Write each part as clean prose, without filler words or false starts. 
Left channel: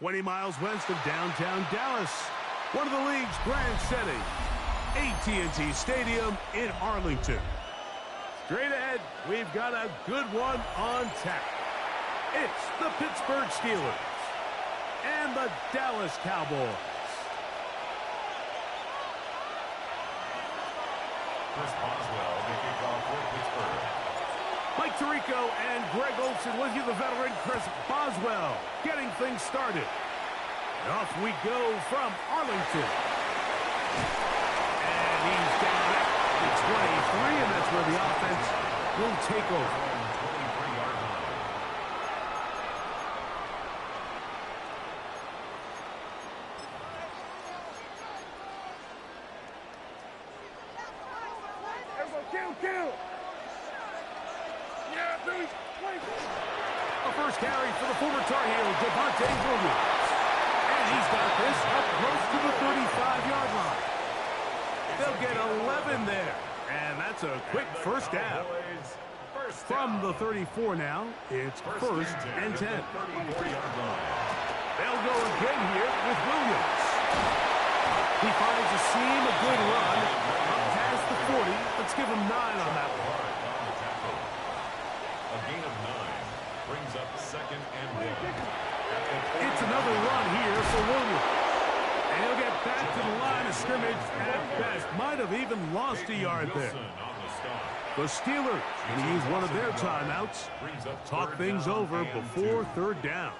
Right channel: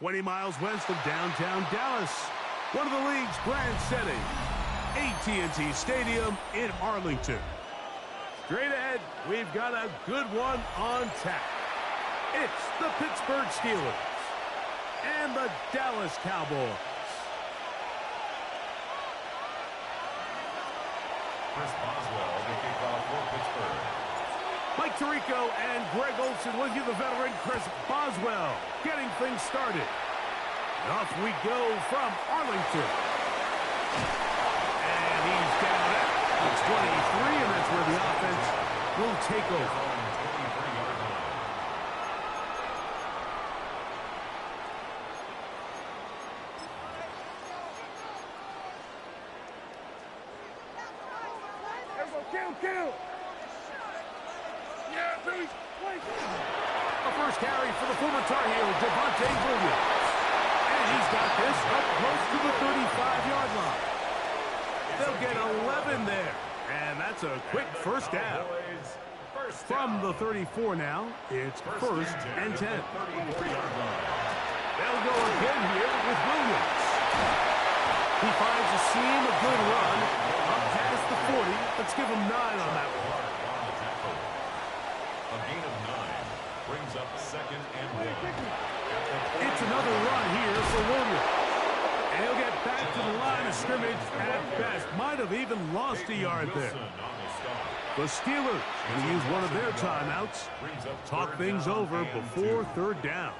20 miles west of downtown Dallas, one of the league's grand settings, AT&T Stadium in Arlington. Straight ahead, we've got a good one on tap. It's the Pittsburgh Steelers and the Dallas Cowboys. Chris Boswell, the kickoff for Pittsburgh. Mike Tirico and Greg Olson with you, the veteran Chris Boswell, getting things started. And off we go from Arlington. And he's down at the 23, and that's where the offense will take over. 23-yard line. Kill. Yeah, please. A first carry for the former Tar Heel, Devontae Williams. And he's got this up close to the 35-yard line. They'll get 11 there. And that's a quick first down. From the 34 now, it's first and 10. They'll go again here with Williams. He finds a seam, a good run, up past the 40. Let's give him 9 on that one. A gain of 9 brings up second and 1. It's another run here for Williams. And he'll get back to the line of scrimmage at best. Might have even lost a yard there. The Steelers going to use one of their timeouts. Talk things over before third down.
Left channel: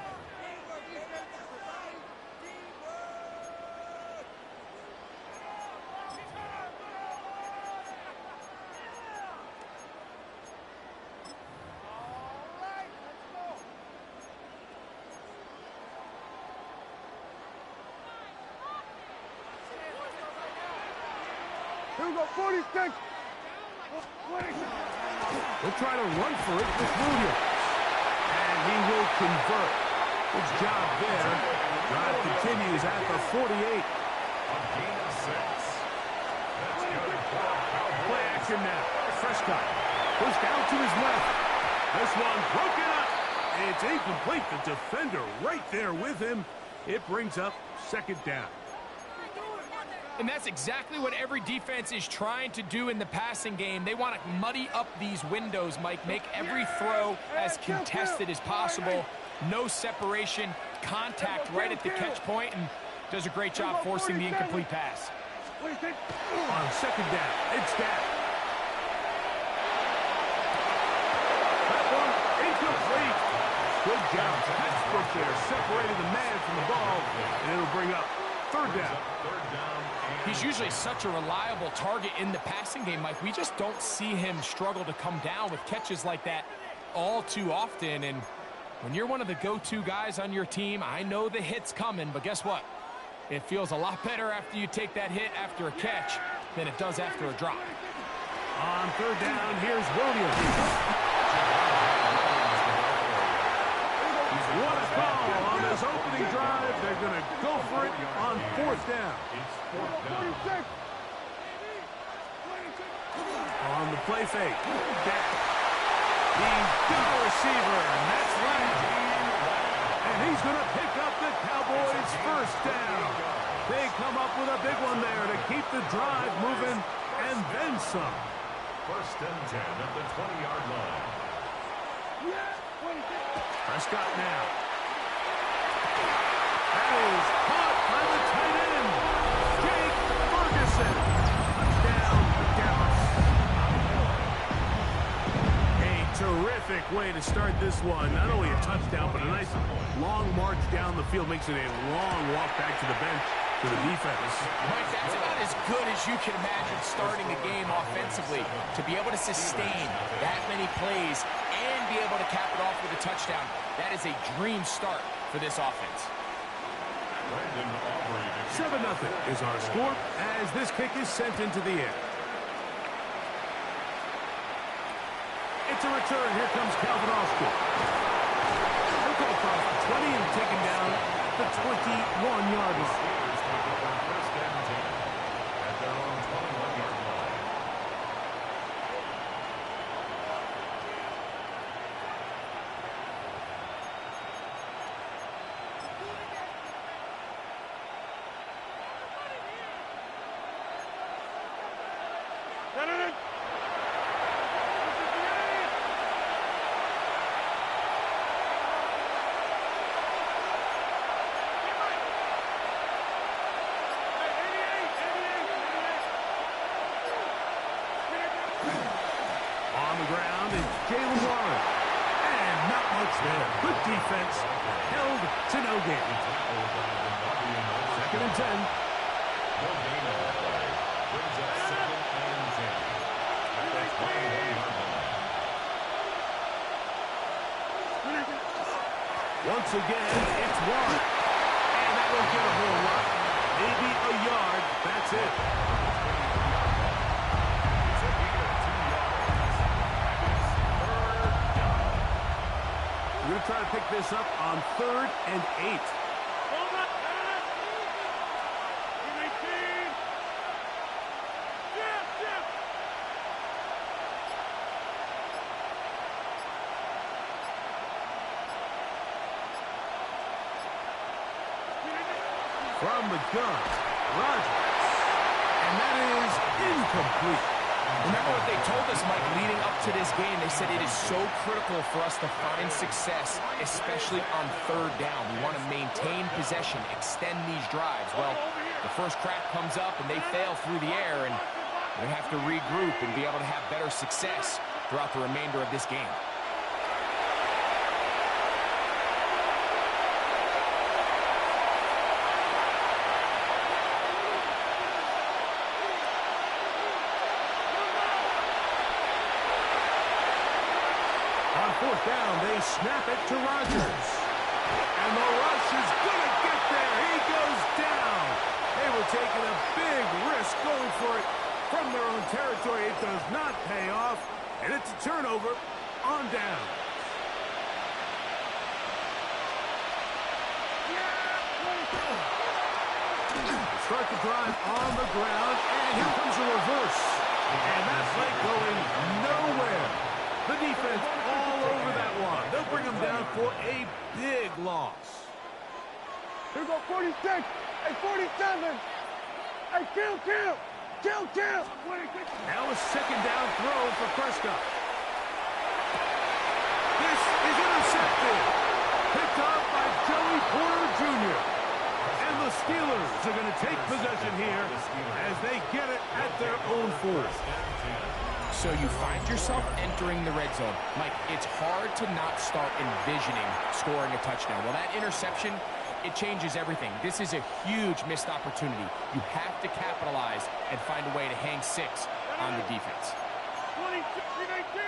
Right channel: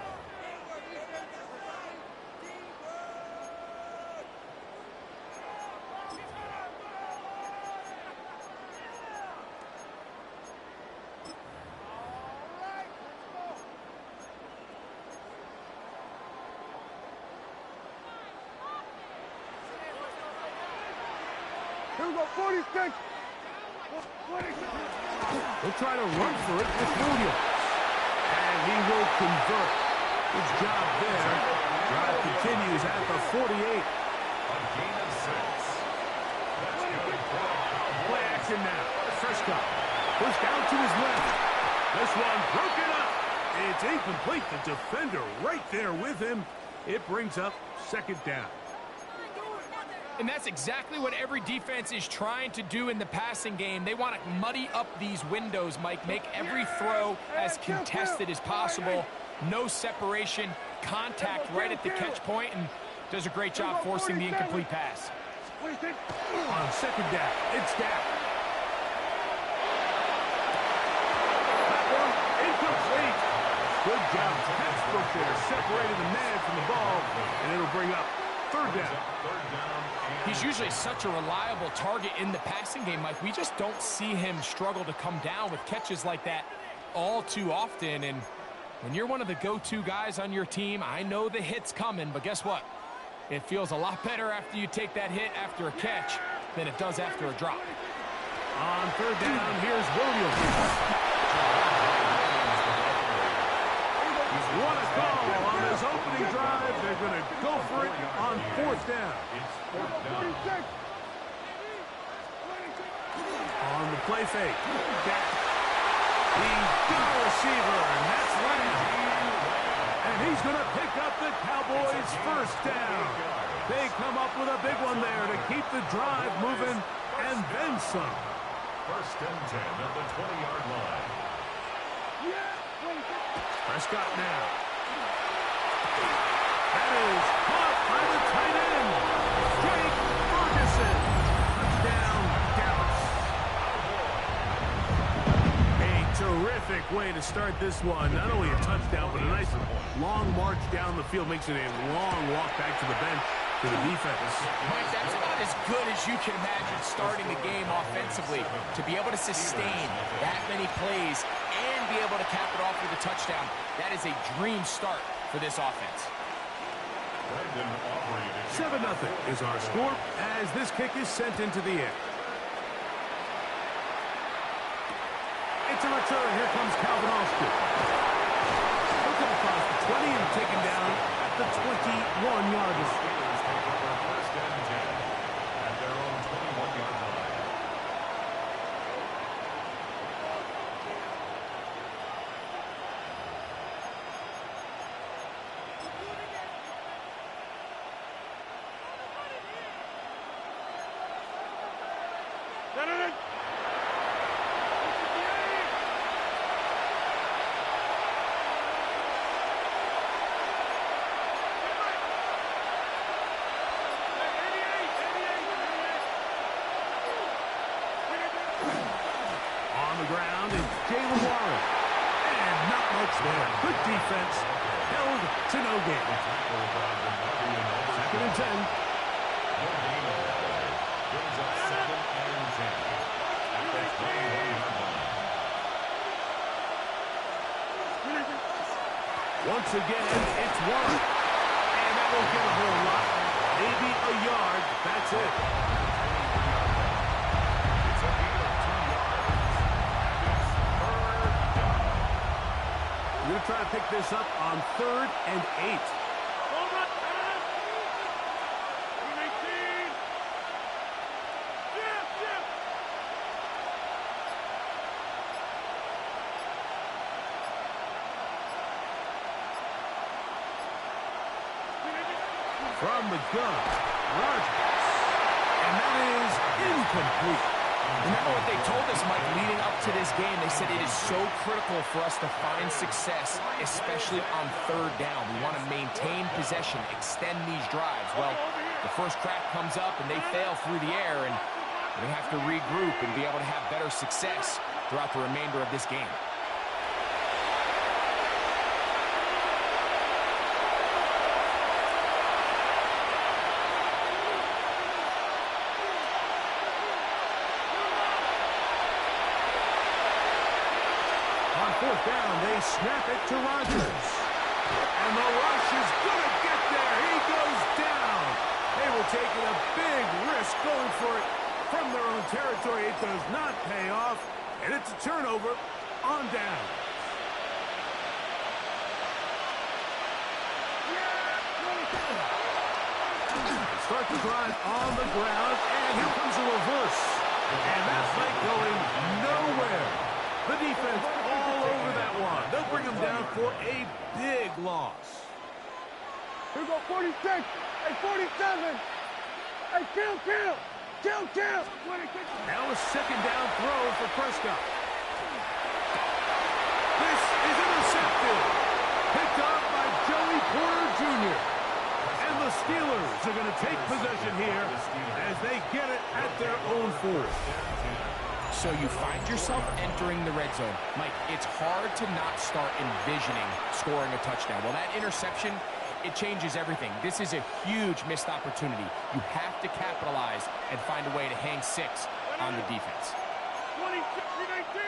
Here we go, 46. He'll try to run for it with Williams. And he will convert. Good job there. Drive continues at the 48. A gain of 6. That's good. Play action now. Prescott pushed out to his left. This one broken up. It's incomplete. The defender right there with him. It brings up second down. And that's exactly what every defense is trying to do in the passing game. They want to muddy up these windows, Mike. Make every throw as contested as possible. No separation, contact right at the catch point, and does a great job forcing the incomplete pass. On second down, it's down. That one incomplete. Good job. Pittsburgh there, separating the man from the ball, and it'll bring up third down. He's usually such a reliable target in the passing game, Mike. We just don't see him struggle to come down with catches like that all too often. And when you're one of the go-to guys on your team, I know the hit's coming, but guess what? It feels a lot better after you take that hit after a catch than it does after a drop. On third down, here's Williams. What a call on this opening drive. They're going to go for it on fourth down. It's fourth down. On the play fake. Dak. He's got a receiver, and that's Lamb. And he's going to pick up the Cowboys' first down. They come up with a big one there to keep the drive moving, and then some. First and 10 at the 20-yard line. Prescott now. That is caught by the tight end, Jake Ferguson. Touchdown, Dallas. A terrific way to start this one. Not only a touchdown, but a nice long march down the field. Makes it a long walk back to the bench to the defense. Mike, that's about as good as you can imagine starting the game offensively. To be able to sustain that many plays and be able to cap it off with a touchdown, that is a dream start for this offense. 7-0 is our score as this kick is sent into the air. It's a return. Here comes Calvin Austin. He'll come across the 20 and taken down at the 21-yard line. Take over first and 10 at their own 21-yard line. On the ground is Jalen Warren. And not much there. Good defense. Held to no gain. Second and 10. No gain on the play. Brings up second and 10. At the 21-yard line. Once again, it's Warren. And that won't get a whole lot. Maybe a yard. That's it. It's a gain of 2 yards. And it's third down. We're going to try to pick this up on 3rd and 8. From the gun, Rodgers. And that is incomplete. Remember what they told us, Mike, leading up to this game. They said it is so critical for us to find success, especially on 3rd down. We want to maintain possession, extend these drives. Well, the first crack comes up, and they fail through the air, and we have to regroup and be able to have better success throughout the remainder of this game. On 4th down, they snap it to Rodgers. And the rush is going to get there. He goes down. They were taking a big risk going for it from their own territory. It does not pay off. And it's a turnover on down. Start the drive on the ground. And here comes a reverse. And that play going nowhere. The defense all over that one. They'll bring them down for a big loss. Here go 46. Hey, 47. Hey, kill. Now a 2nd down throw for Prescott. This is intercepted. Picked up by Joey Porter Jr. And the Steelers are going to take possession here as they get it at their own 4th. So you find yourself entering the red zone. Mike, it's hard to not start envisioning scoring a touchdown. Well, that interception, it changes everything. This is a huge missed opportunity. You have to capitalize and find a way to hang 6 on the defense. 26, 319,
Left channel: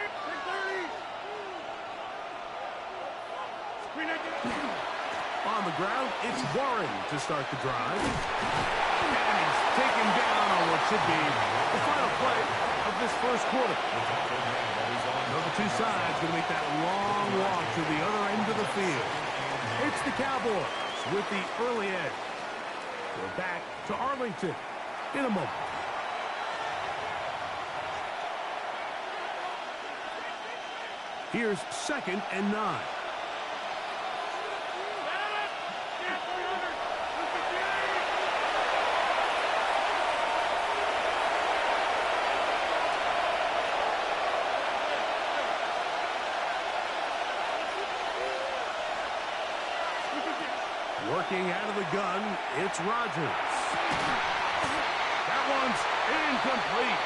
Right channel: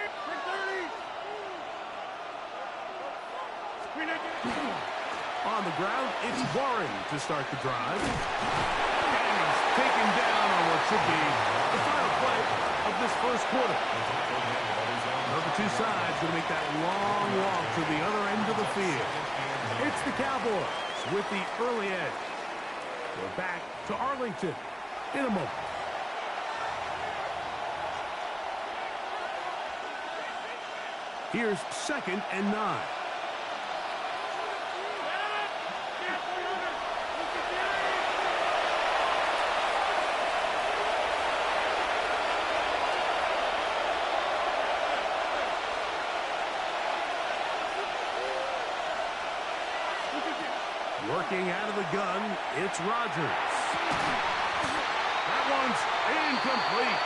330. On the ground, it's Warren to start the drive. And he's taken down on what should be the final play of this first quarter. The two sides going to make that long walk to the other end of the field. It's the Cowboys with the early edge. We're back to Arlington in a moment. Here's 2nd and 9. Working out of the gun, it's Rodgers. That one's incomplete.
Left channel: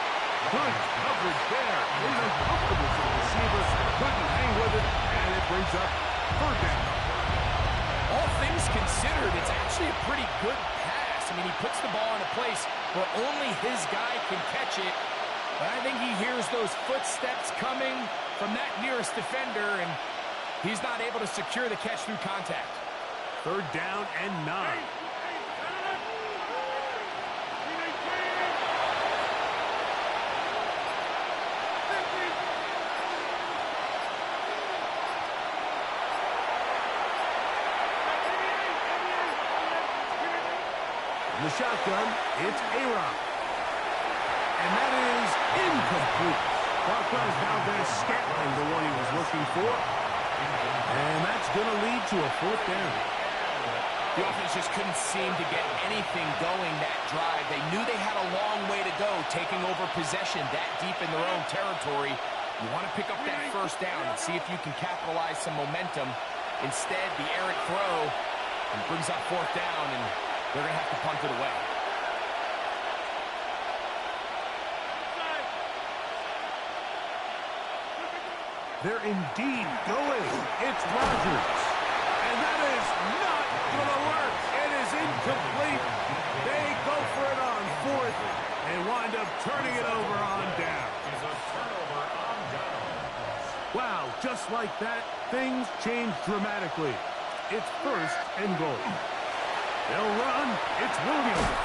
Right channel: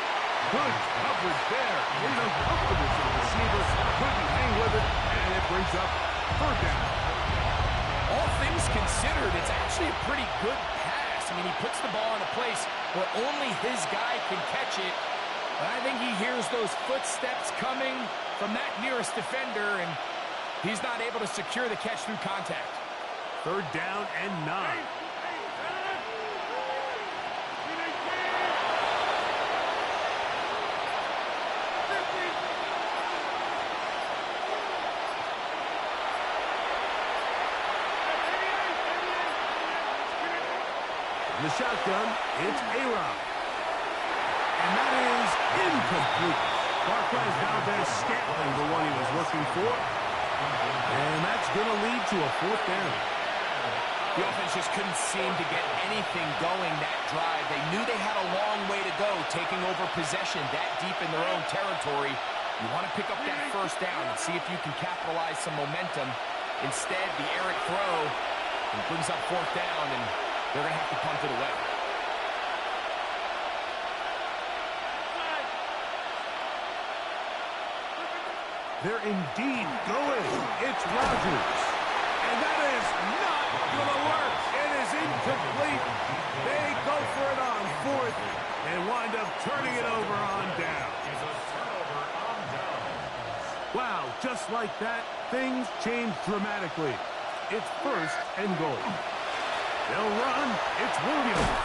Good coverage there. It's uncomfortable for the receiver. Couldn't hang with it, and it brings up 3rd down. All things considered, it's actually a pretty good pass. I mean, he puts the ball in a place where only his guy can catch it. But I think he hears those footsteps coming from that nearest defender, and he's not able to secure the catch through contact. 3rd down and 9. From the shotgun, it's A-Rob. And that is incomplete. Marquez Valdez-Scantling, the one he was looking for. And that's going to lead to a 4th down. The offense just couldn't seem to get anything going that drive. They knew they had a long way to go, taking over possession that deep in their own territory. You want to pick up that 1st down and see if you can capitalize some momentum. Instead, the errant throw brings up 4th down, and they're going to have to punt it away. They're indeed going. It's Rodgers. And that is not going to work. It is incomplete. They go for it on fourth and wind up turning it over on down. Is a turnover on down. Wow, just like that, things change dramatically. It's first and goal. They'll run. It's Williams.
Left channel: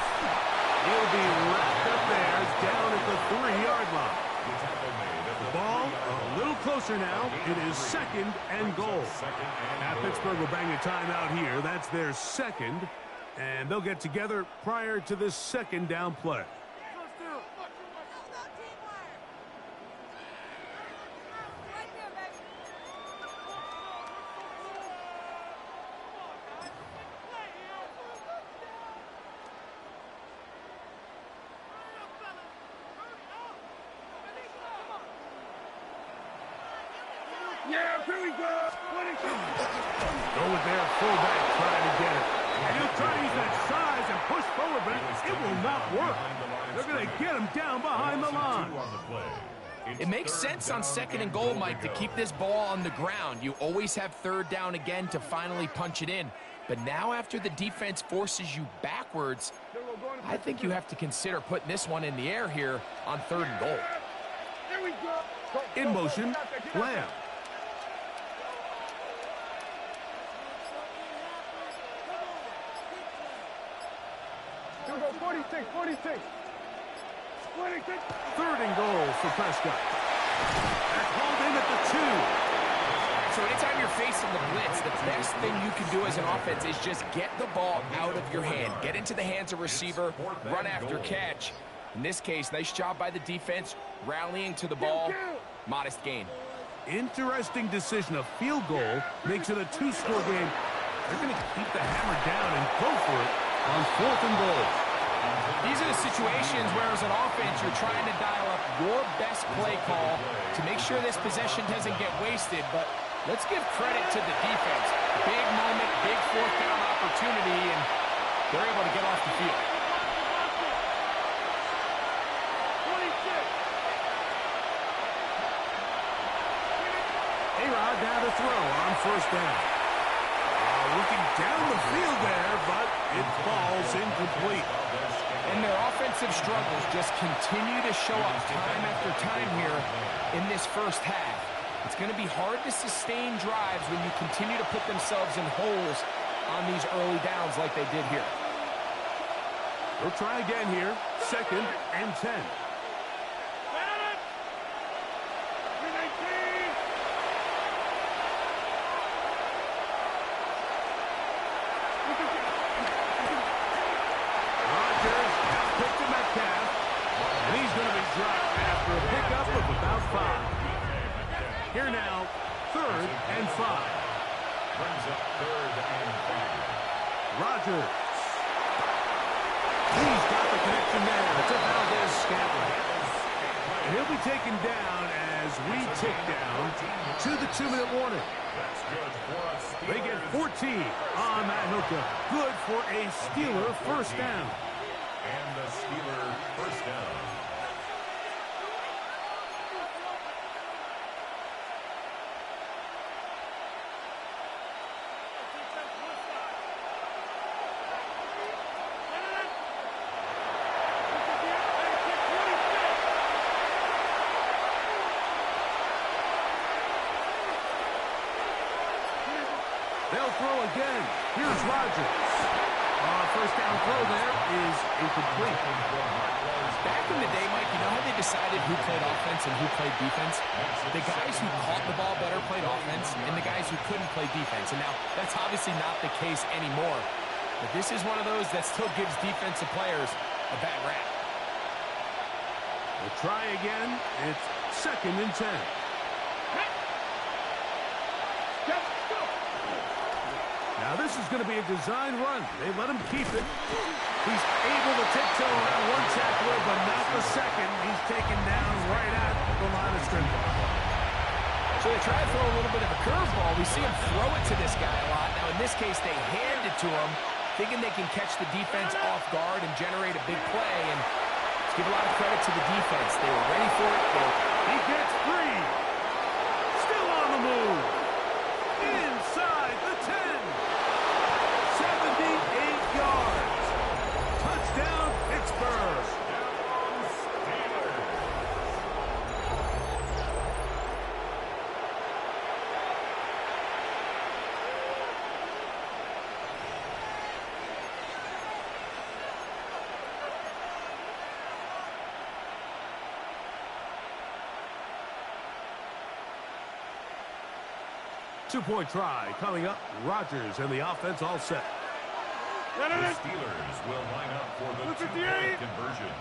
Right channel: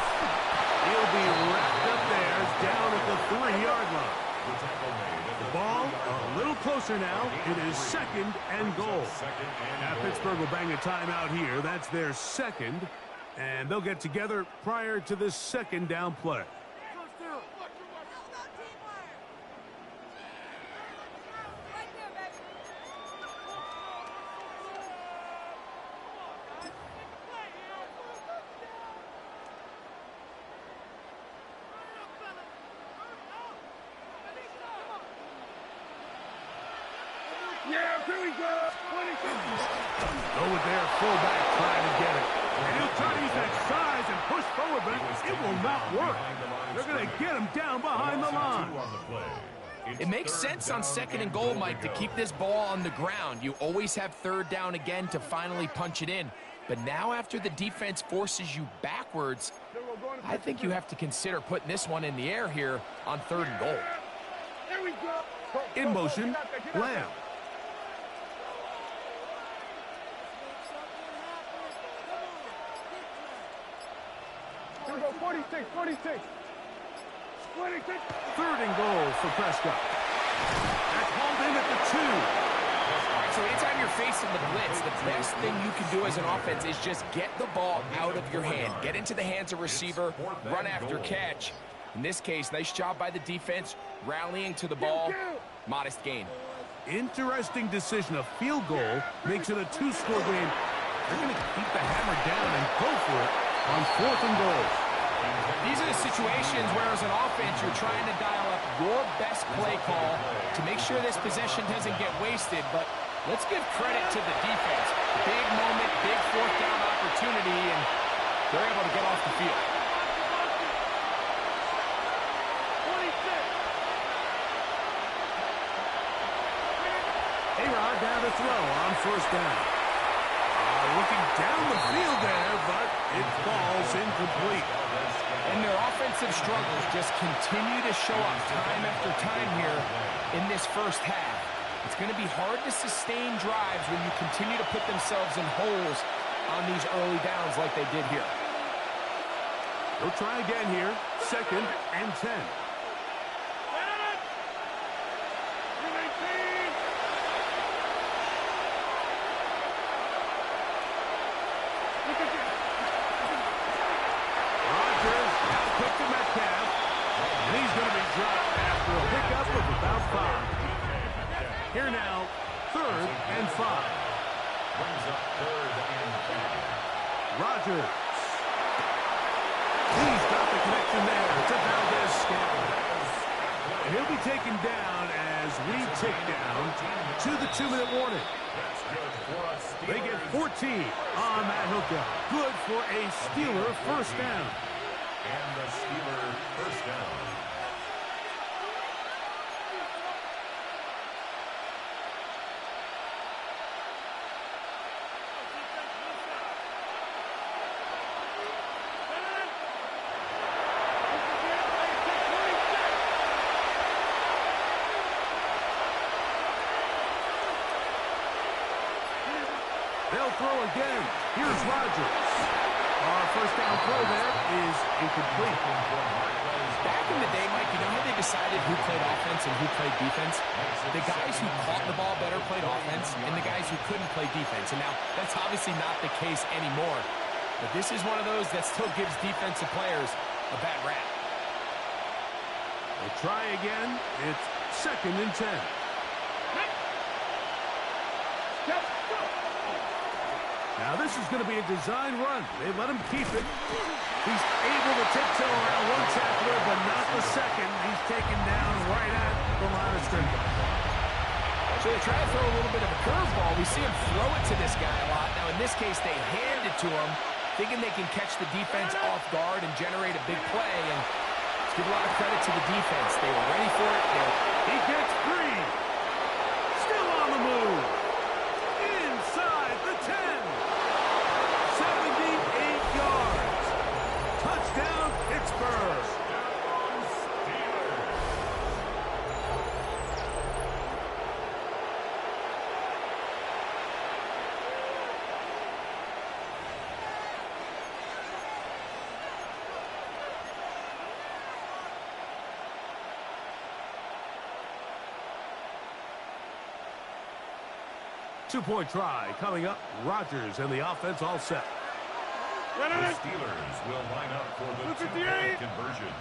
He'll be wrapped up there down at the 3-yard line. The tackle made at The ball a little closer now. It is second and goal. Now Pittsburgh will bang a timeout here. That's their second. And they'll get together prior to this second down play. Yeah, here we go. 26. Go with their fullback trying to get it. And he'll try to use that size and push forward, but it will not work. They're going to get him down behind the line. It makes sense on second and goal, Mike, to keep this ball on the ground. You always have third down again to finally punch it in. But now after the defense forces you backwards, I think you have to consider putting this one in the air here on third and goal. Here we go. In motion, Lamb. Here we go. 46, 46. 26. Third and goal for Prescott. That's hauled in at the 2. All right, so anytime you're facing the blitz, the best thing you can do as an offense is just get the ball out of your hand. Get into the hands of receiver, run after catch. In this case, nice job by the defense, rallying to the ball. Modest gain. Interesting decision. A field goal makes it a 2-score game. They're going to keep the hammer down and go for it on fourth and goal. These are the situations where, as an offense, you're trying to dial up your best play call to make sure this possession doesn't get wasted. But let's give credit to the defense. Big moment, big fourth down opportunity, and they're able to get off the field. 26. A-Rod down to throw on first down. Looking down the field there, but it falls incomplete. And their offensive struggles just continue to show up time after time here in this first half. It's going to be hard to sustain drives when you continue to put themselves in holes on these early downs like they did here. They'll try again here. Second and 10. Rodgers now picked to Metcalf, and he's going to be dropped after a pickup of about 5. Here now, third and 5. Brings up third and 5. Rodgers. He's got the connection there to Valdez-Scantling. And he'll be taken down as we tick down to the 2-minute warning. That's good for a They get 14 on that hookup. Good for a Steeler first down. And the Steeler first down. They'll throw again. Here's Rodgers. First down throw there is incomplete. Back in the day, Mike, you know how they decided who played offense and who played defense? The guys who caught the ball better played offense, and the guys who couldn't play defense. And now, that's obviously not the case anymore. But this is one of those that still gives defensive players a bad rap. They'll try again. It's second and 10. Now this is going to be a design run. They let him keep it. He's able to tiptoe around one tackler, but not the second. He's taken down right at the line of scrimmage. So they try to throw a little bit of a curveball. We see him throw it to this guy a lot. Now in this case, they hand it to him, thinking they can catch the defense off guard and generate a big play. And let's give a lot of credit to the defense. They were ready for it. He gets free. Still move. Inside the 10. 78 yards. Touchdown, Pittsburgh. Touchdown, Steelers. 2-point try coming up. Rodgers and the offense all set. The Steelers will line up for the two-point conversion.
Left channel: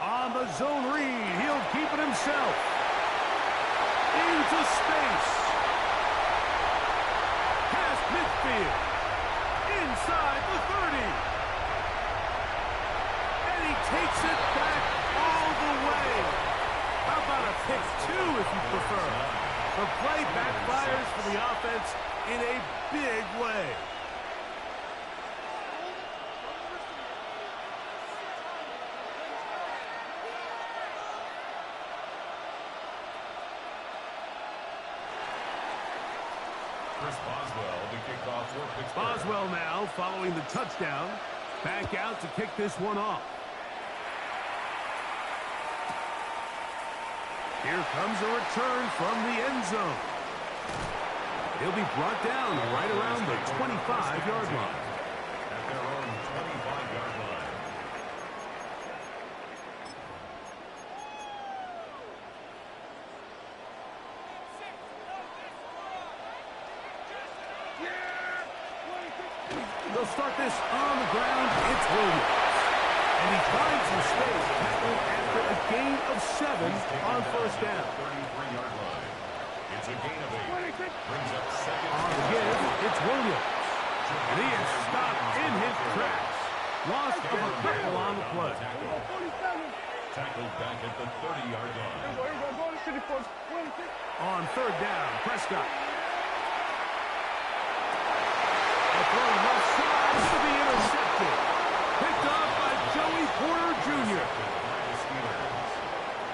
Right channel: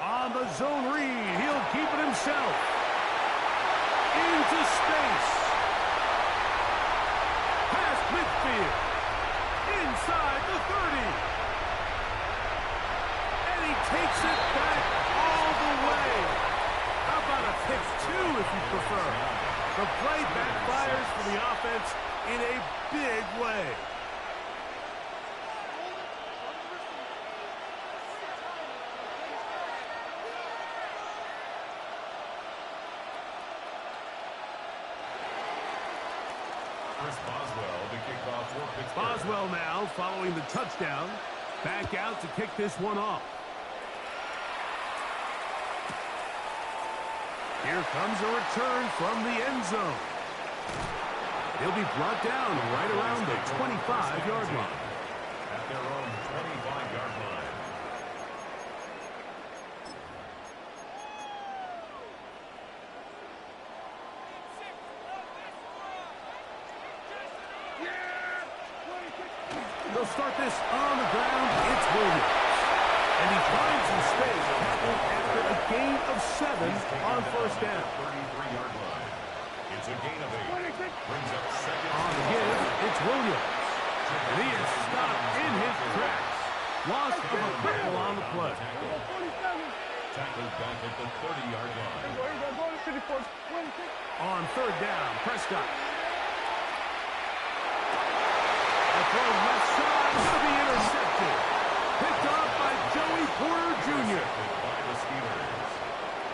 On the zone read, he'll keep it himself. Into space. Past midfield. Inside the 30. And he takes it back all the way. How about a pick two if you prefer? The play backfires for the offense in a big way. Chris Boswell to kick off for Pittsburgh. Boswell now following the touchdown. Back out to kick this one off. Here comes a return from the end zone. He'll be brought down right around the 25-yard line. At their own 25-yard line. They'll start this on the ground. It's Williams. And he finds some space tackled after a gain of 7 on first down. 33-yard line. It's a gain of 8. Brings up second. On the give, it's Williams. And he is stopped in his tracks. Loss of a couple on the play. Tackled back at the 30-yard line. On third down, Prescott. A throw left side to be intercepted. Picked off by Joey Porter Jr. By the Steelers.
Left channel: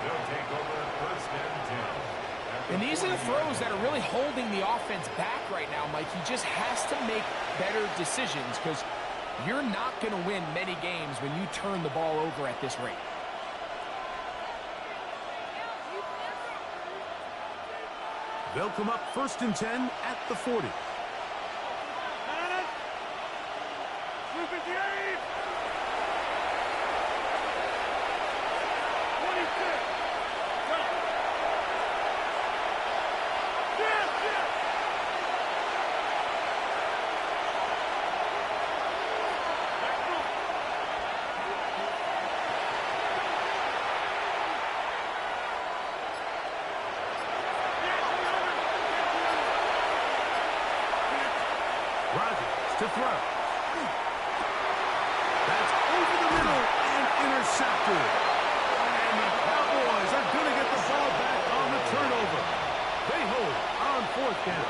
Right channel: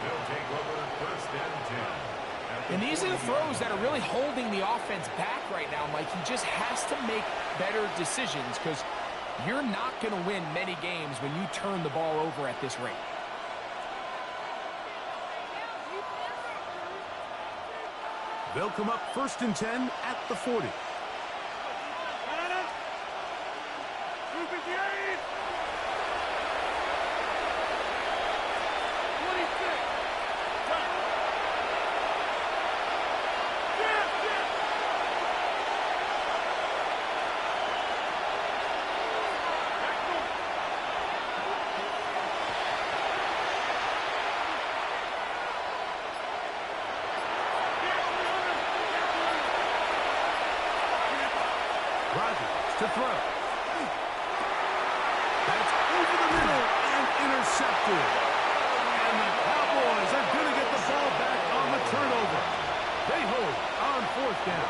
They'll take over first and 10. And these are the throws that are really holding the offense back right now, Mike. He just has to make better decisions because you're not going to win many games when you turn the ball over at this rate. They'll come up first and 10 at the 40. Rodgers to throw. That's over the middle and intercepted. And the Cowboys are going to get the ball back on the turnover. They hold on fourth down.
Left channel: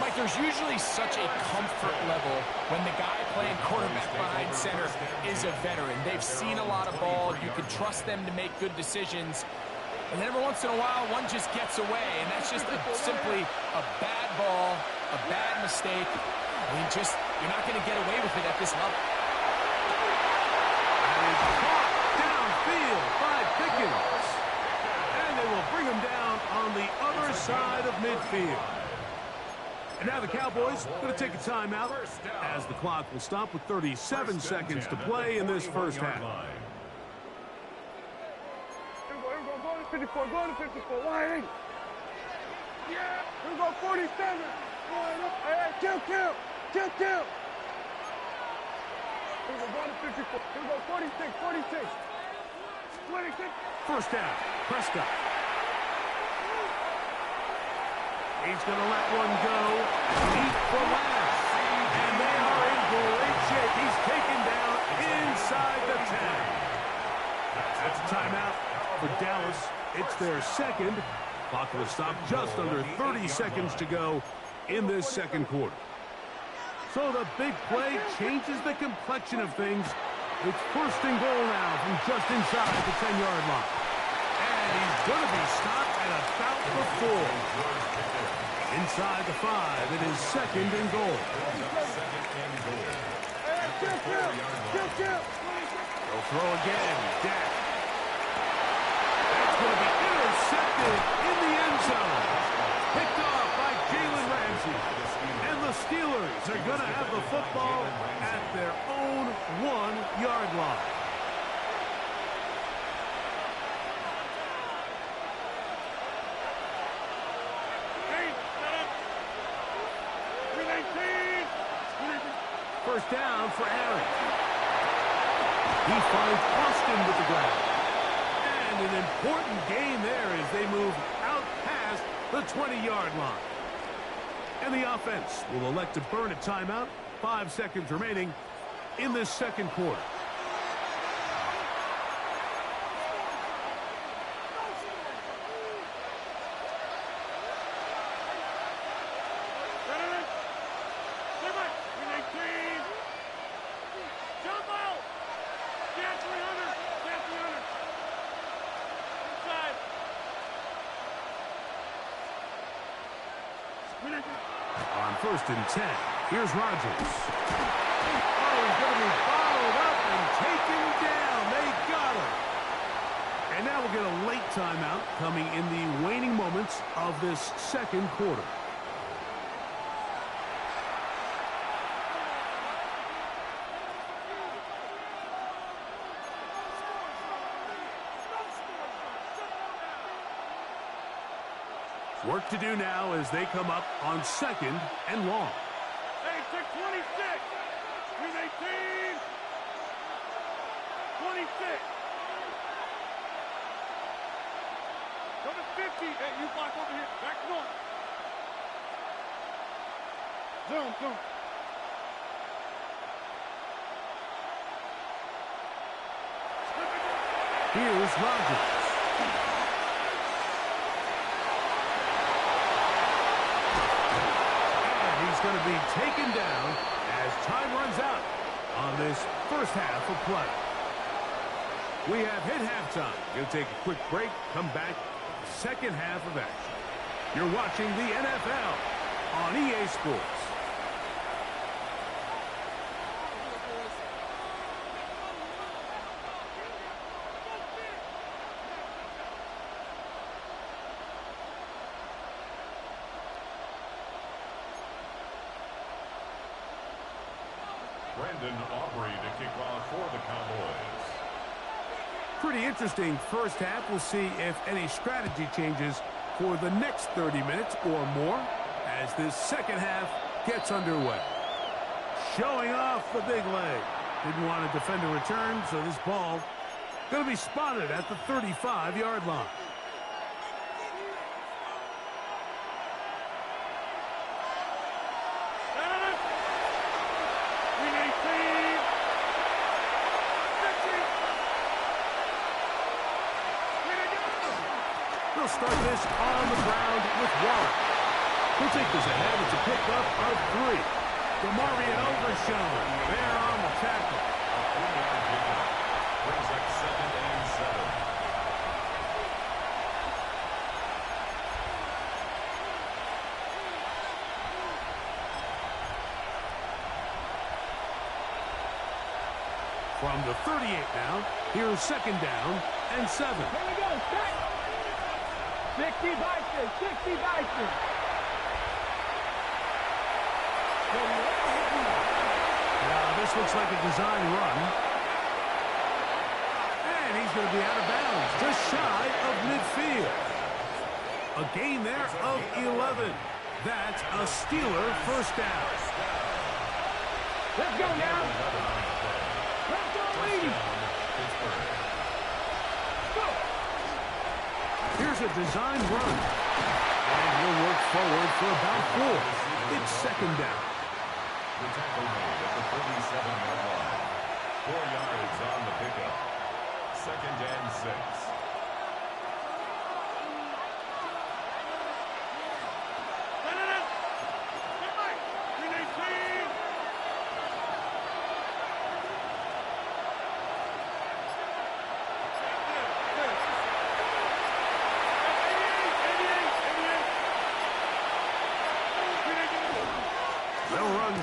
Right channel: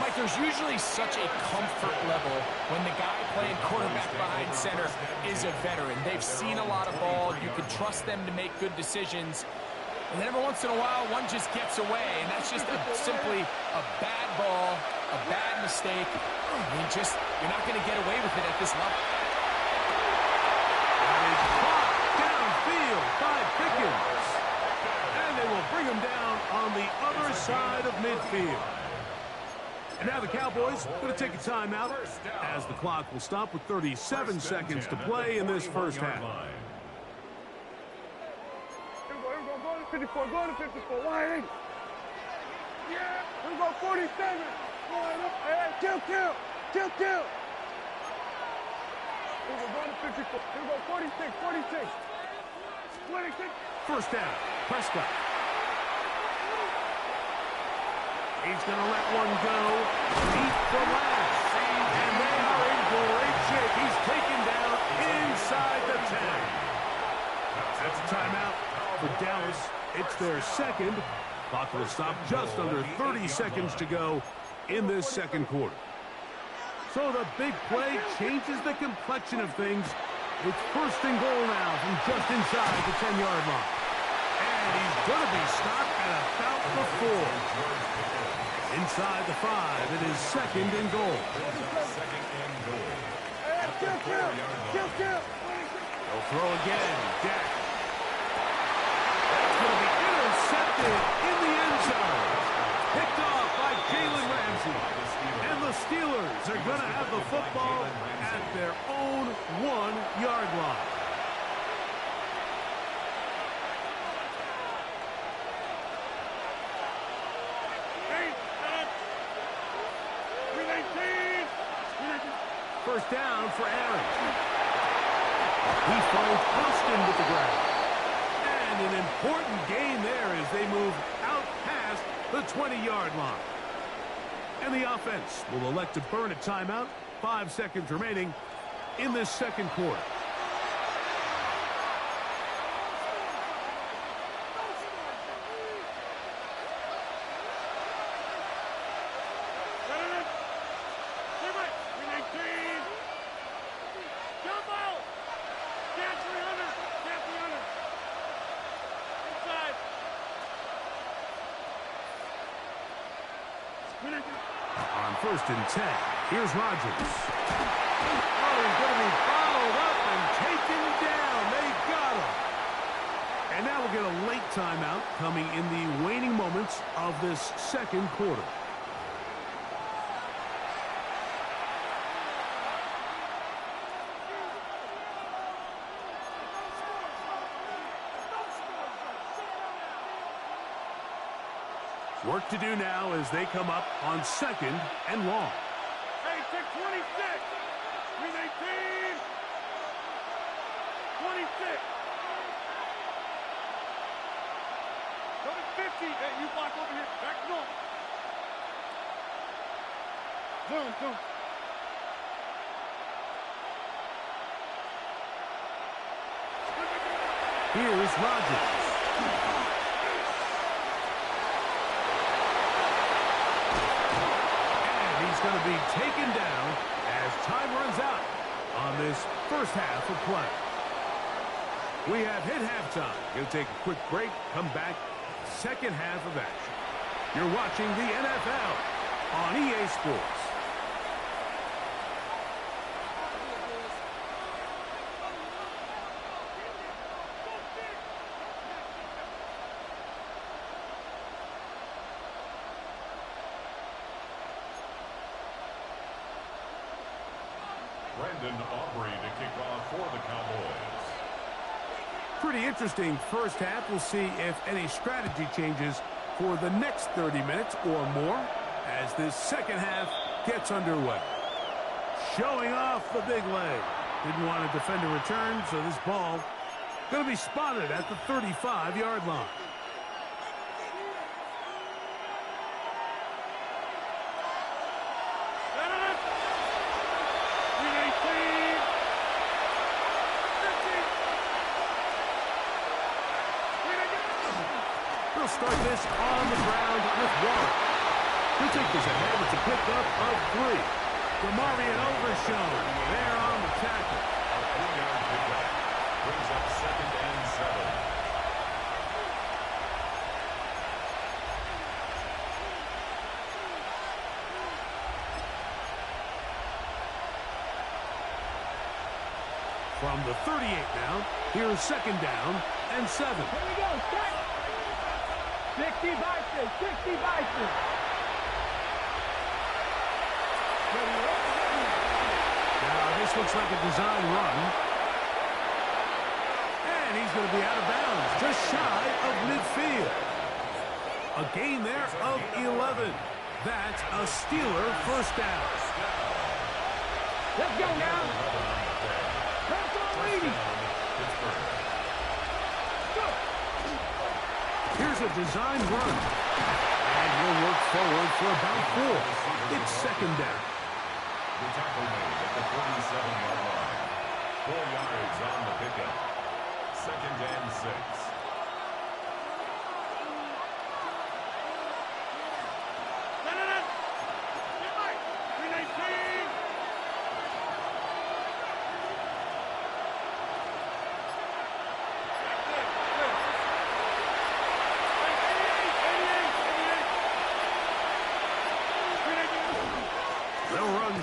Mike, there's usually such a comfort level when the guy playing quarterback behind center is a veteran. They've seen a lot of ball. You can trust them to make good decisions. And then every once in a while, one just gets away, and that's just simply a bad ball, a bad mistake. I mean, you're not going to get away with it at this level. That is caught downfield by Pickens. And they will bring him down on the other side of midfield. And now the Cowboys going to take a timeout as the clock will stop with 37 seconds to play in this first half. Go to 54, go to 54, wide. Yeah, here we go, 47. Wide up, hey, kill. Here we go to 54, here we go, 46. 26. First down, Prescott. He's going to let one go. Deep for last. And they are in great shape. He's taken down inside the 10. That's a timeout for Dallas. It's their second. Clock will stop just under 30 seconds to go in this second quarter. So the big play changes the complexion of things. It's first and goal now from just inside the 10-yard line. And he's going to be stopped at about the 4. Inside the 5, it is 2nd and goal. Second and goal. Hey, kill. They'll throw again. Dak. That's going to be intercepted in the end zone. Picked off by Jalen Ramsey. And the Steelers are going to have the football at their own 1-yard line. First down for Aaron. He finds Austin with the grab. And an important gain there as they move out past the 20-yard line. And the offense will elect to burn a timeout. 5 seconds remaining in this second quarter. On 1st and 10, here's Rodgers. Oh, he's going to be bottled up and taken down. They got him. And now we'll get a late timeout coming in the waning moments of this second quarter. Work to do now as they come up on 2nd and long. Hey, take 26. 318. 26. Go to 50. Hey, you block over here. Back north. Zoom. Here's Rodgers. He's going to be taken down as time runs out on this first half of play. We have hit halftime. Going to take a quick break, come back, second half of action. You're watching the NFL on EA Sports. Brandon Aubrey to kick off for the Cowboys. Pretty interesting first half. We'll see if any strategy changes for the next 30 minutes or more as this second half gets underway. Showing off the big leg. Didn't want to defend a return, so this ball going to be spotted at the 35-yard line. They'll start this on the ground with Warren. He'll take this ahead. It's a pickup of 3. DeMarvion Overshown there on the tackle. A 3-yard pickup brings up 2nd and 7. From the 38 now, here's 2nd down and 7. Here we go, set. 60 Bison, 60 Bison. Now this looks like a design run. And he's going to be out of bounds, just shy of midfield. A gain there of 11. That's a Steeler first down. Let's go now. Let's go, lady. Here's a design run. And he'll work forward for about 4. It's 2nd down. The tackle made at the 47-yard line. 4 yards on the pickup. 2nd and 6.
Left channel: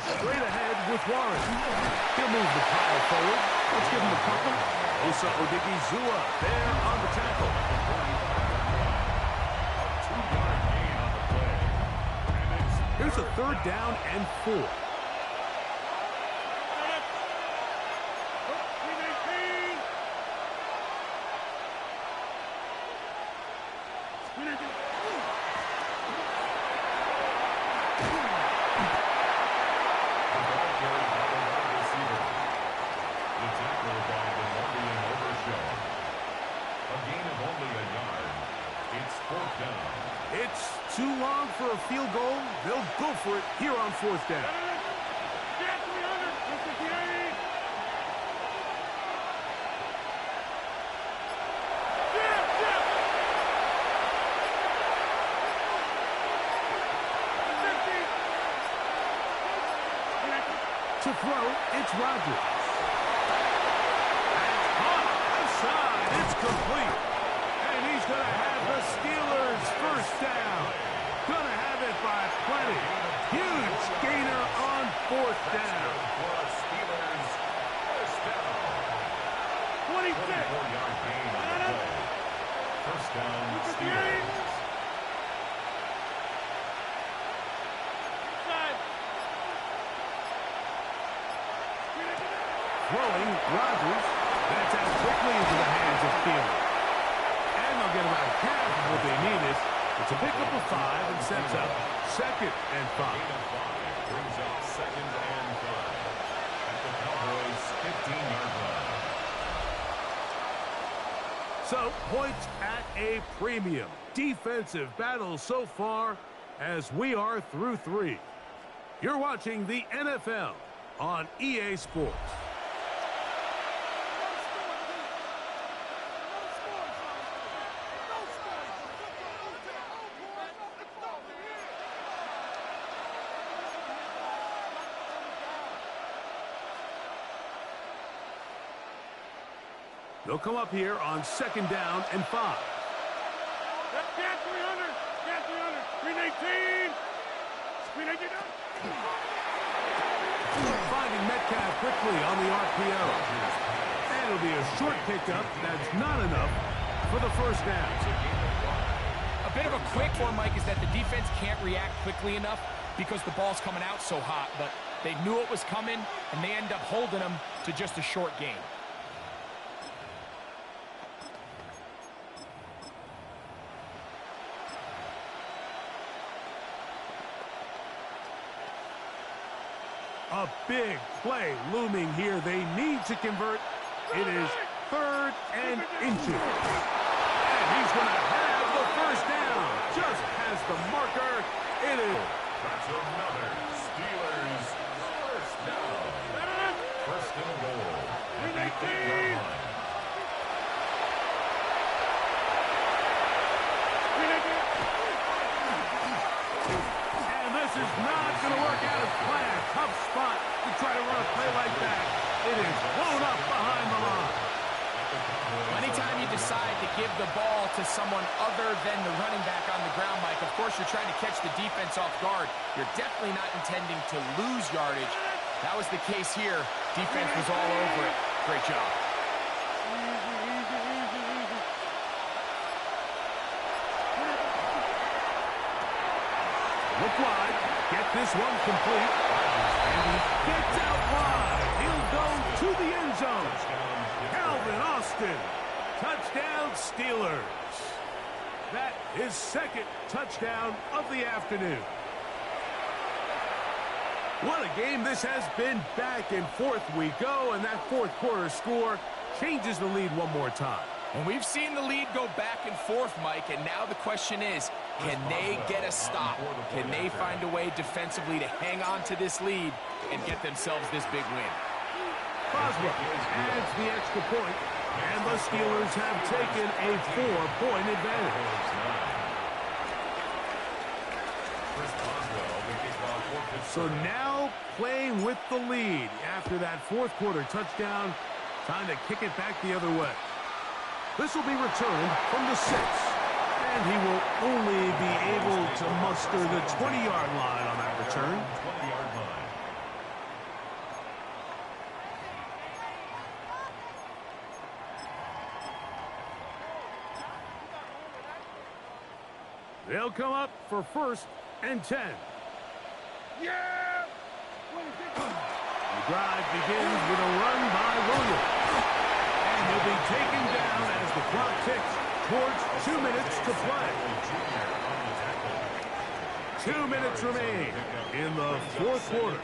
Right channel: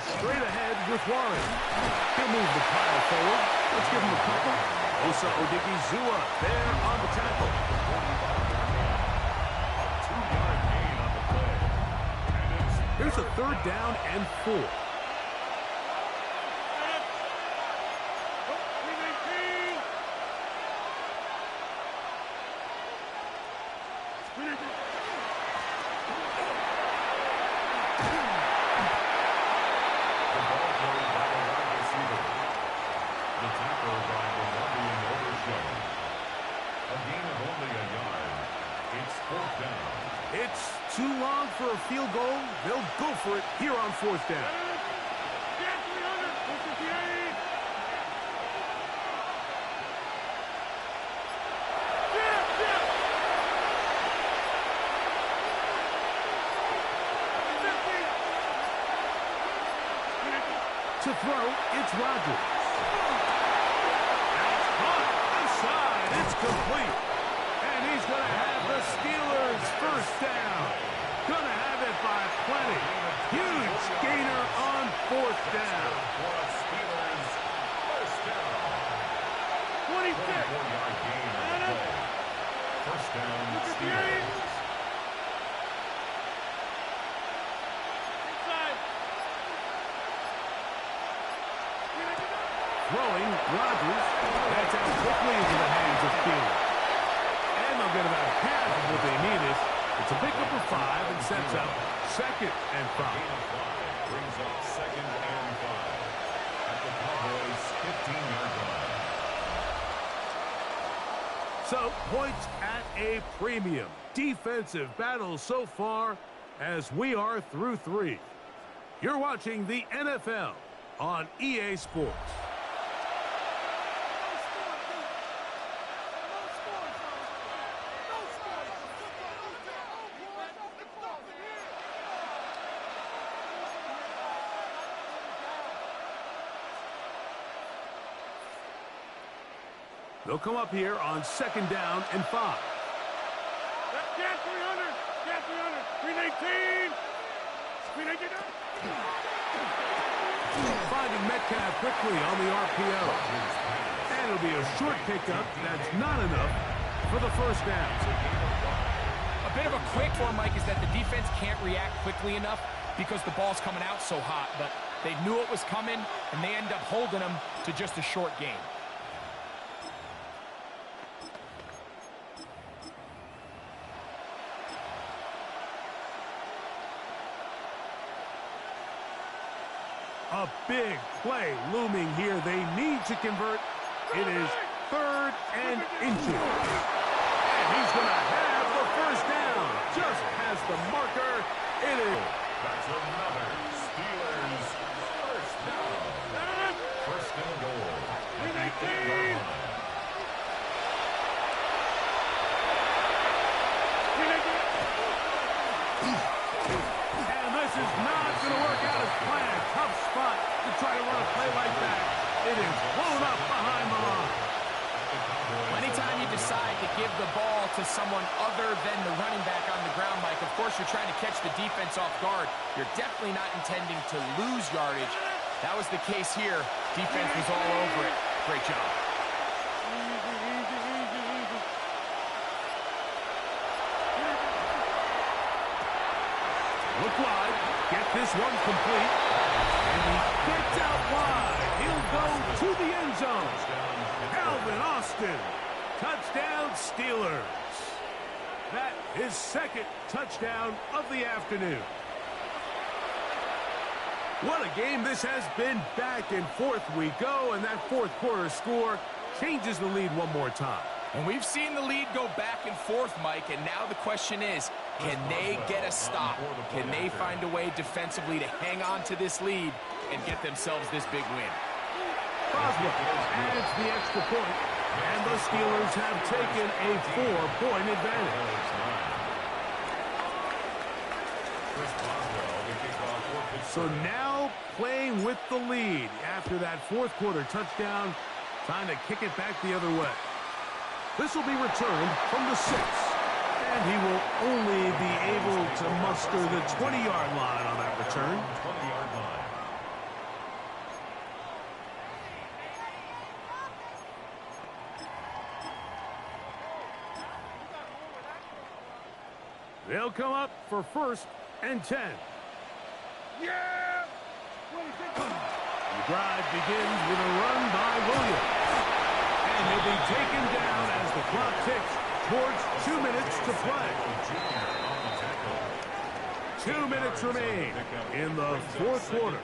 straight ahead with Warren. He'll move the pile forward. Let's give him a couple. Osa Odigizua there on the tackle. A 2-yard gain on the play. And it's Here's a 3rd down and 4. It's too long for a field goal. They'll go for it here on 4th down. Get 358! To throw, it's Rodgers. That's caught. Outside. It's complete. And he's going to have the Steelers' 1st down. Going to have it by plenty. Huge gainer on 4th down. for a Steelers 1st down. 26! 24-yard gain on the play. 1st down, Steelers. Inside! Throwing, Rodgers. That's out quickly into the hands of Thielen. And they'll get about half of what they needed. It's a pickup of 5 and sets up 2nd and 5. Gain of 5 brings up 2nd and 5 at the Cowboys' 15-yard line. So, points at a premium. Defensive battle so far as we are through 3. You're watching the NFL on EA Sports. They'll come up here on 2nd down and 5. Get 300! Get 300! Screen 18! Screen 18! Finding Metcalf quickly on the RPO. And it'll be a short pickup. That's not enough for the 1st down. A bit of a quick one, Mike, is that the defense can't react quickly enough because the ball's coming out so hot. But they knew it was coming, and they end up holding them to just a short gain. A big play looming here. They need to convert. It is 3rd and inches. And he's going to have the 1st down. Just has the marker. It is. That's another Steelers 1st down. 1st and goal at the 8-yard line. This is not going to work out as planned. Tough spot to try to run a play like that. It is blown up behind the line. Anytime you decide to give the ball to someone other than the running back on the ground, Mike, of course you're trying to catch the defense off guard. You're definitely not intending to lose yardage. That was the case here. Defense was all over it. Great job. Look wide. Get this one complete. And he gets out wide. He'll go to the end zone. Calvin Austin. Touchdown, Steelers. That is 2nd touchdown of the afternoon. What a game this has been. Back and forth we go, and that 4th quarter score changes the lead one more time. And we've seen the lead go back and forth, Mike, and now the question is, can they get a stop? Can they find a way defensively to hang on to this lead and get themselves this big win? Boswell adds the extra point, and the Steelers have taken a 4-point advantage. So now playing with the lead after that 4th quarter touchdown, time to kick it back the other way. This will be returned from the 6, and he will only be able to muster the 20-yard line on that return. 20-yard line. They'll come up for 1st and 10. Yeah! The drive begins with a run by Williams. And he'll be taken down as the clock ticks towards 2 minutes to play. 2 minutes remain in the 4th quarter.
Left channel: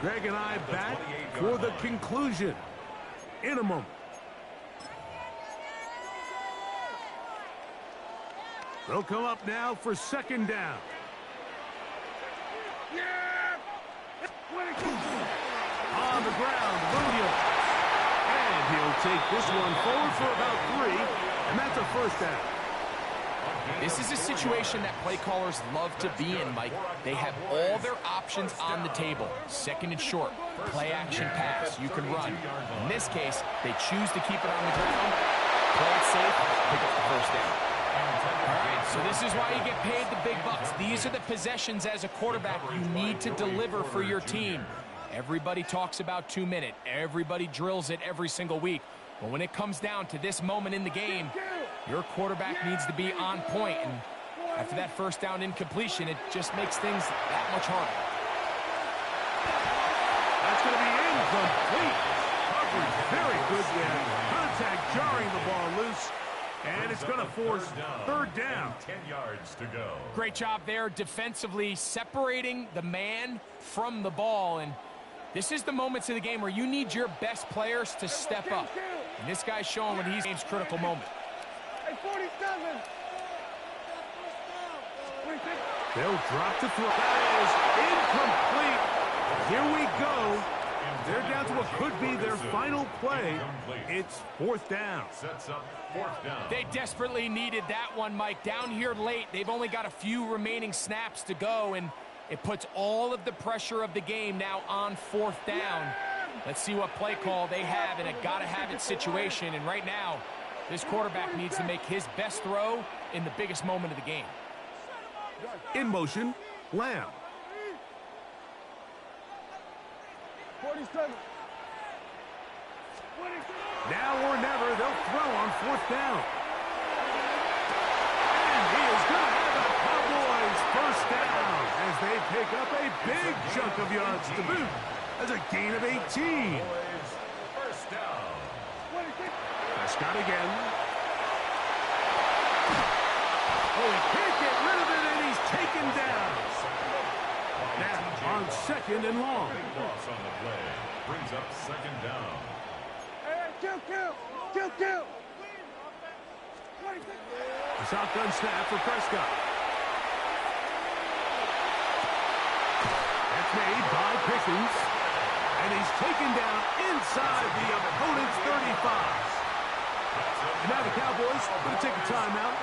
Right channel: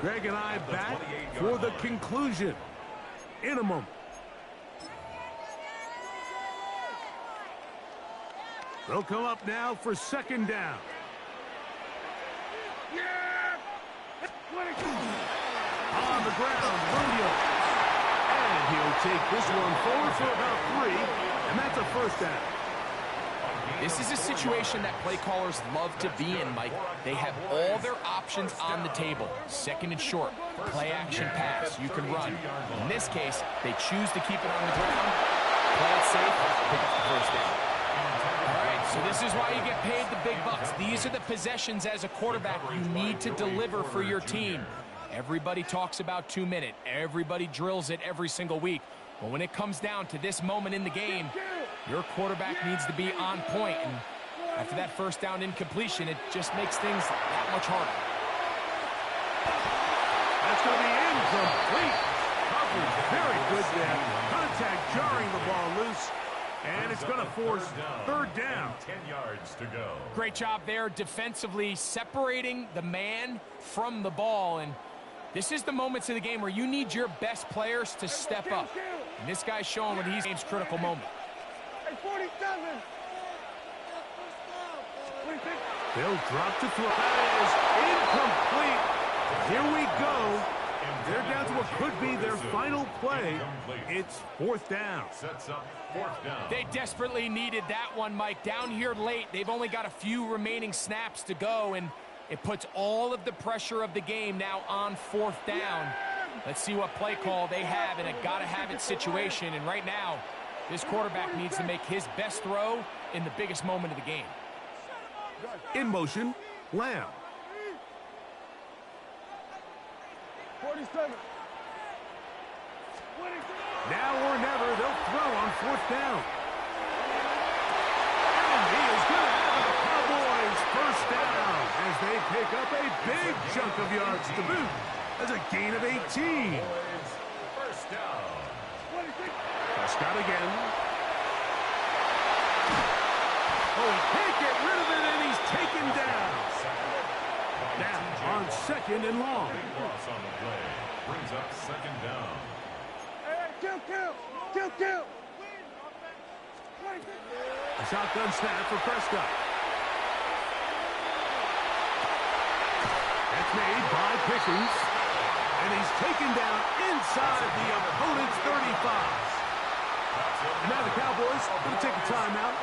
Greg and I back for the conclusion in a moment. They'll come up now for 2nd down. On the ground, Williams. And he'll take this one forward for about 3, and that's a 1st down. This is a situation that play callers love to be in, Mike. They have all their options on the table. 2nd and short, play action pass, you can run. In this case, they choose to keep it on the ground, play it safe, pick up the 1st down. All right, so this is why you get paid the big bucks. These are the possessions as a quarterback you need to deliver for your team. Everybody talks about 2 minutes. Everybody drills it every single week. But when it comes down to this moment in the game, your quarterback needs to be on point. And after that 1st down incompletion, it just makes things that much harder. That's going to be incomplete. Coverage very good there. Contact jarring the ball loose. And it's going to force 3rd down. 10 yards to go. Great job there defensively separating the man from the ball. And this is the moments of the game where you need your best players to step up. And this guy's showing when he's in his critical moment. Hey, 47. They'll drop to throw. That is incomplete. Here we go. They're down to what could be their final play. It's 4th down. Sets up 4th down. They desperately needed that one, Mike. Down here late, they've only got a few remaining snaps to go, and it puts all of the pressure of the game now on 4th down. Let's see what play call they have in a gotta-have-it situation. And right now, this quarterback needs to make his best throw in the biggest moment of the game. In motion, Lamb. 47. Now or never, they'll throw on 4th down. And he is going to have a Cowboys 1st down as they pick up a big chunk of yards to boot. That's a gain of 18. Cowboys 1st down. Prescott again. Oh, he can't get rid of it, and he's taken down. Now on 2nd and long. Big loss on the play. Brings up 2nd down. Hey, kill. A shotgun snap for Prescott. That's made by Pickens. And he's taken down inside the opponent's 35. And now the Cowboys going to take a timeout.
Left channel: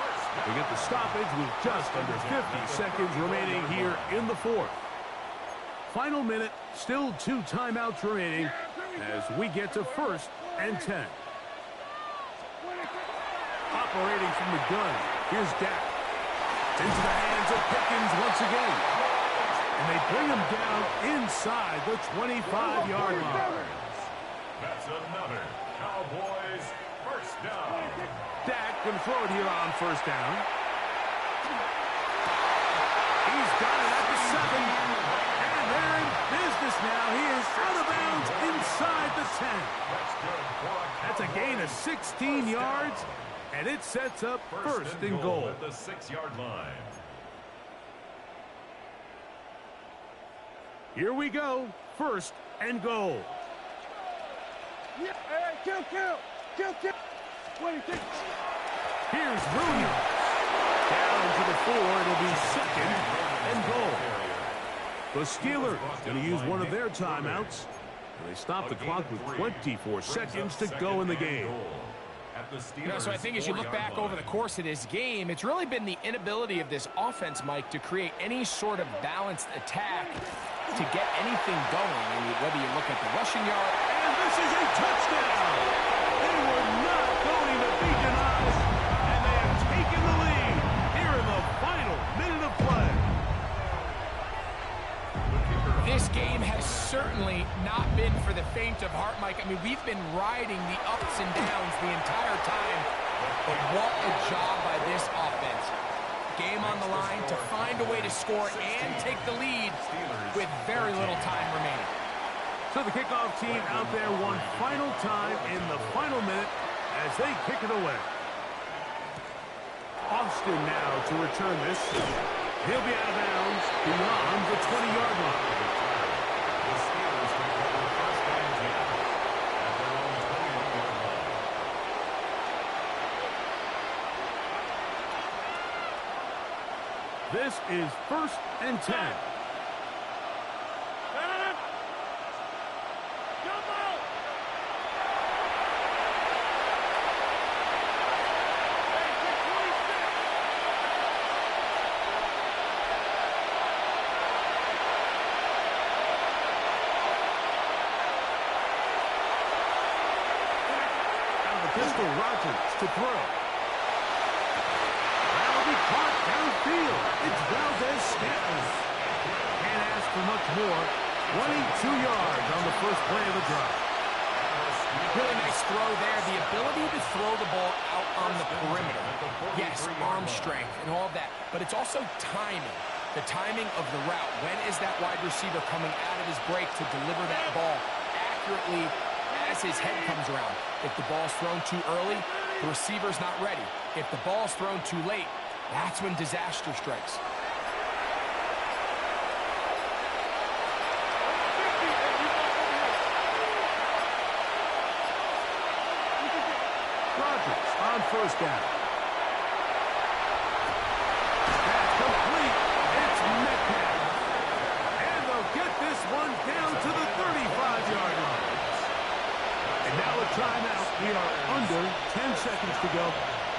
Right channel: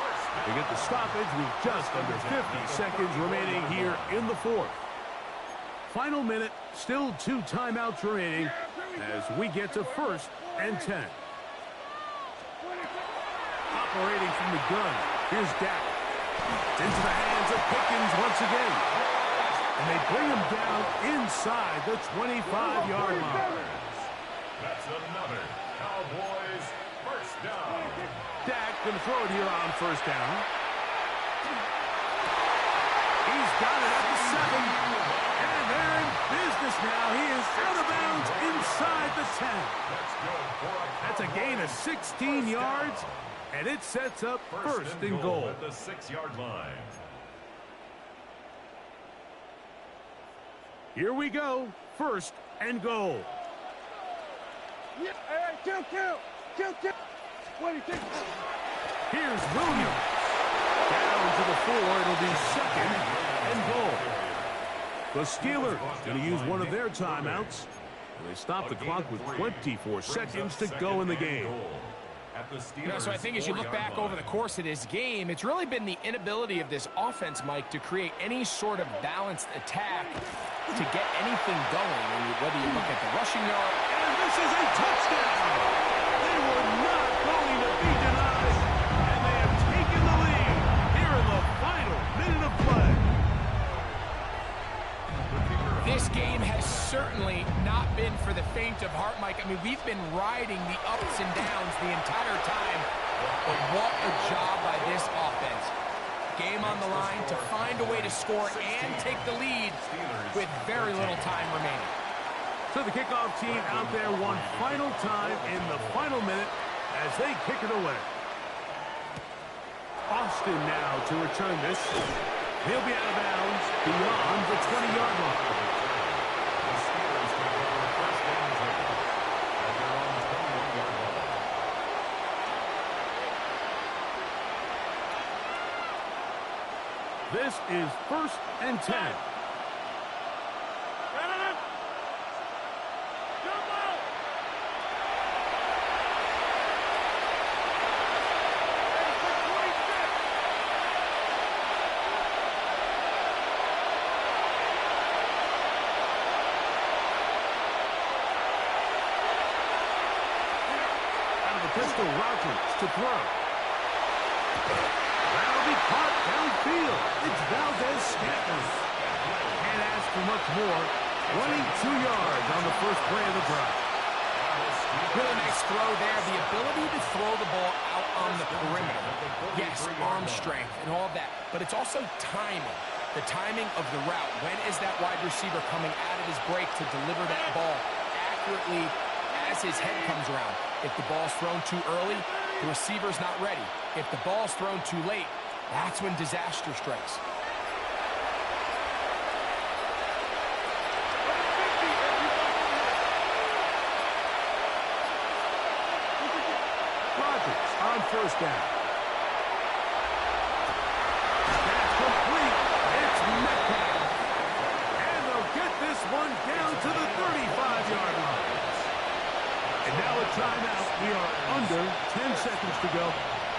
They get the stoppage with just under 50 seconds remaining here in the 4th. Final minute, still 2 timeouts remaining as we get to 1st and 10. Operating from the gun, here's Dak. It's into the hands of Pickens once again. And they bring him down inside the 25-yard line. That's another Cowboys 1st down. Dak going to throw it here on 1st down. He's got it at the 7. And they're in business now. He is out of bounds inside the 10. That's good for a That's a gain of 16 yards. And it sets up 1st and goal. At the 6-yard line. Here we go. 1st and goal. Hey, kill. 26. Here's Williams. Down to the 4. It'll be 2nd and goal. The Steelers going to use one of their timeouts. And they stop the clock with 24 seconds to go in the game. So I think as you look back over the course of this game, it's really been the inability of this offense, Mike, to create any sort of balanced attack to get anything going. And whether you look at the rushing yard. And this is a touchdown. They were not going to be denied. And they have taken the lead here in the final minute of play. This game has certainly not been for the faint of heart, Mike. I mean, we've been riding the ups and downs the entire time. But what a job by this offense. game on the line to find a way to score and take the lead with very little time remaining. So the kickoff team out there one final time in the final minute as they kick it away. Austin now to return this. He'll be out of bounds beyond the 20-yard line. The Steelers take over first and 10 at their own 21-yard line. This is first and 10. Pistol Rogers to throw. That'll be caught downfield. It's Valdez-Scantling. Can't ask for much more. 22 yards on the first play of the drive. Really nice throw there. The ability to throw the ball out on the perimeter. Yes, arm strength and all of that. But it's also timing. The timing of the route. When is that wide receiver coming out of his break to deliver that ball accurately as his head comes around? If the ball's thrown too early, the receiver's not ready. If the ball's thrown too late, that's when disaster strikes. Rodgers on first down. That's complete. It's Metcalf. And they'll get this one down to the 35-yard line. And now a timeout. We are under 10 seconds to go.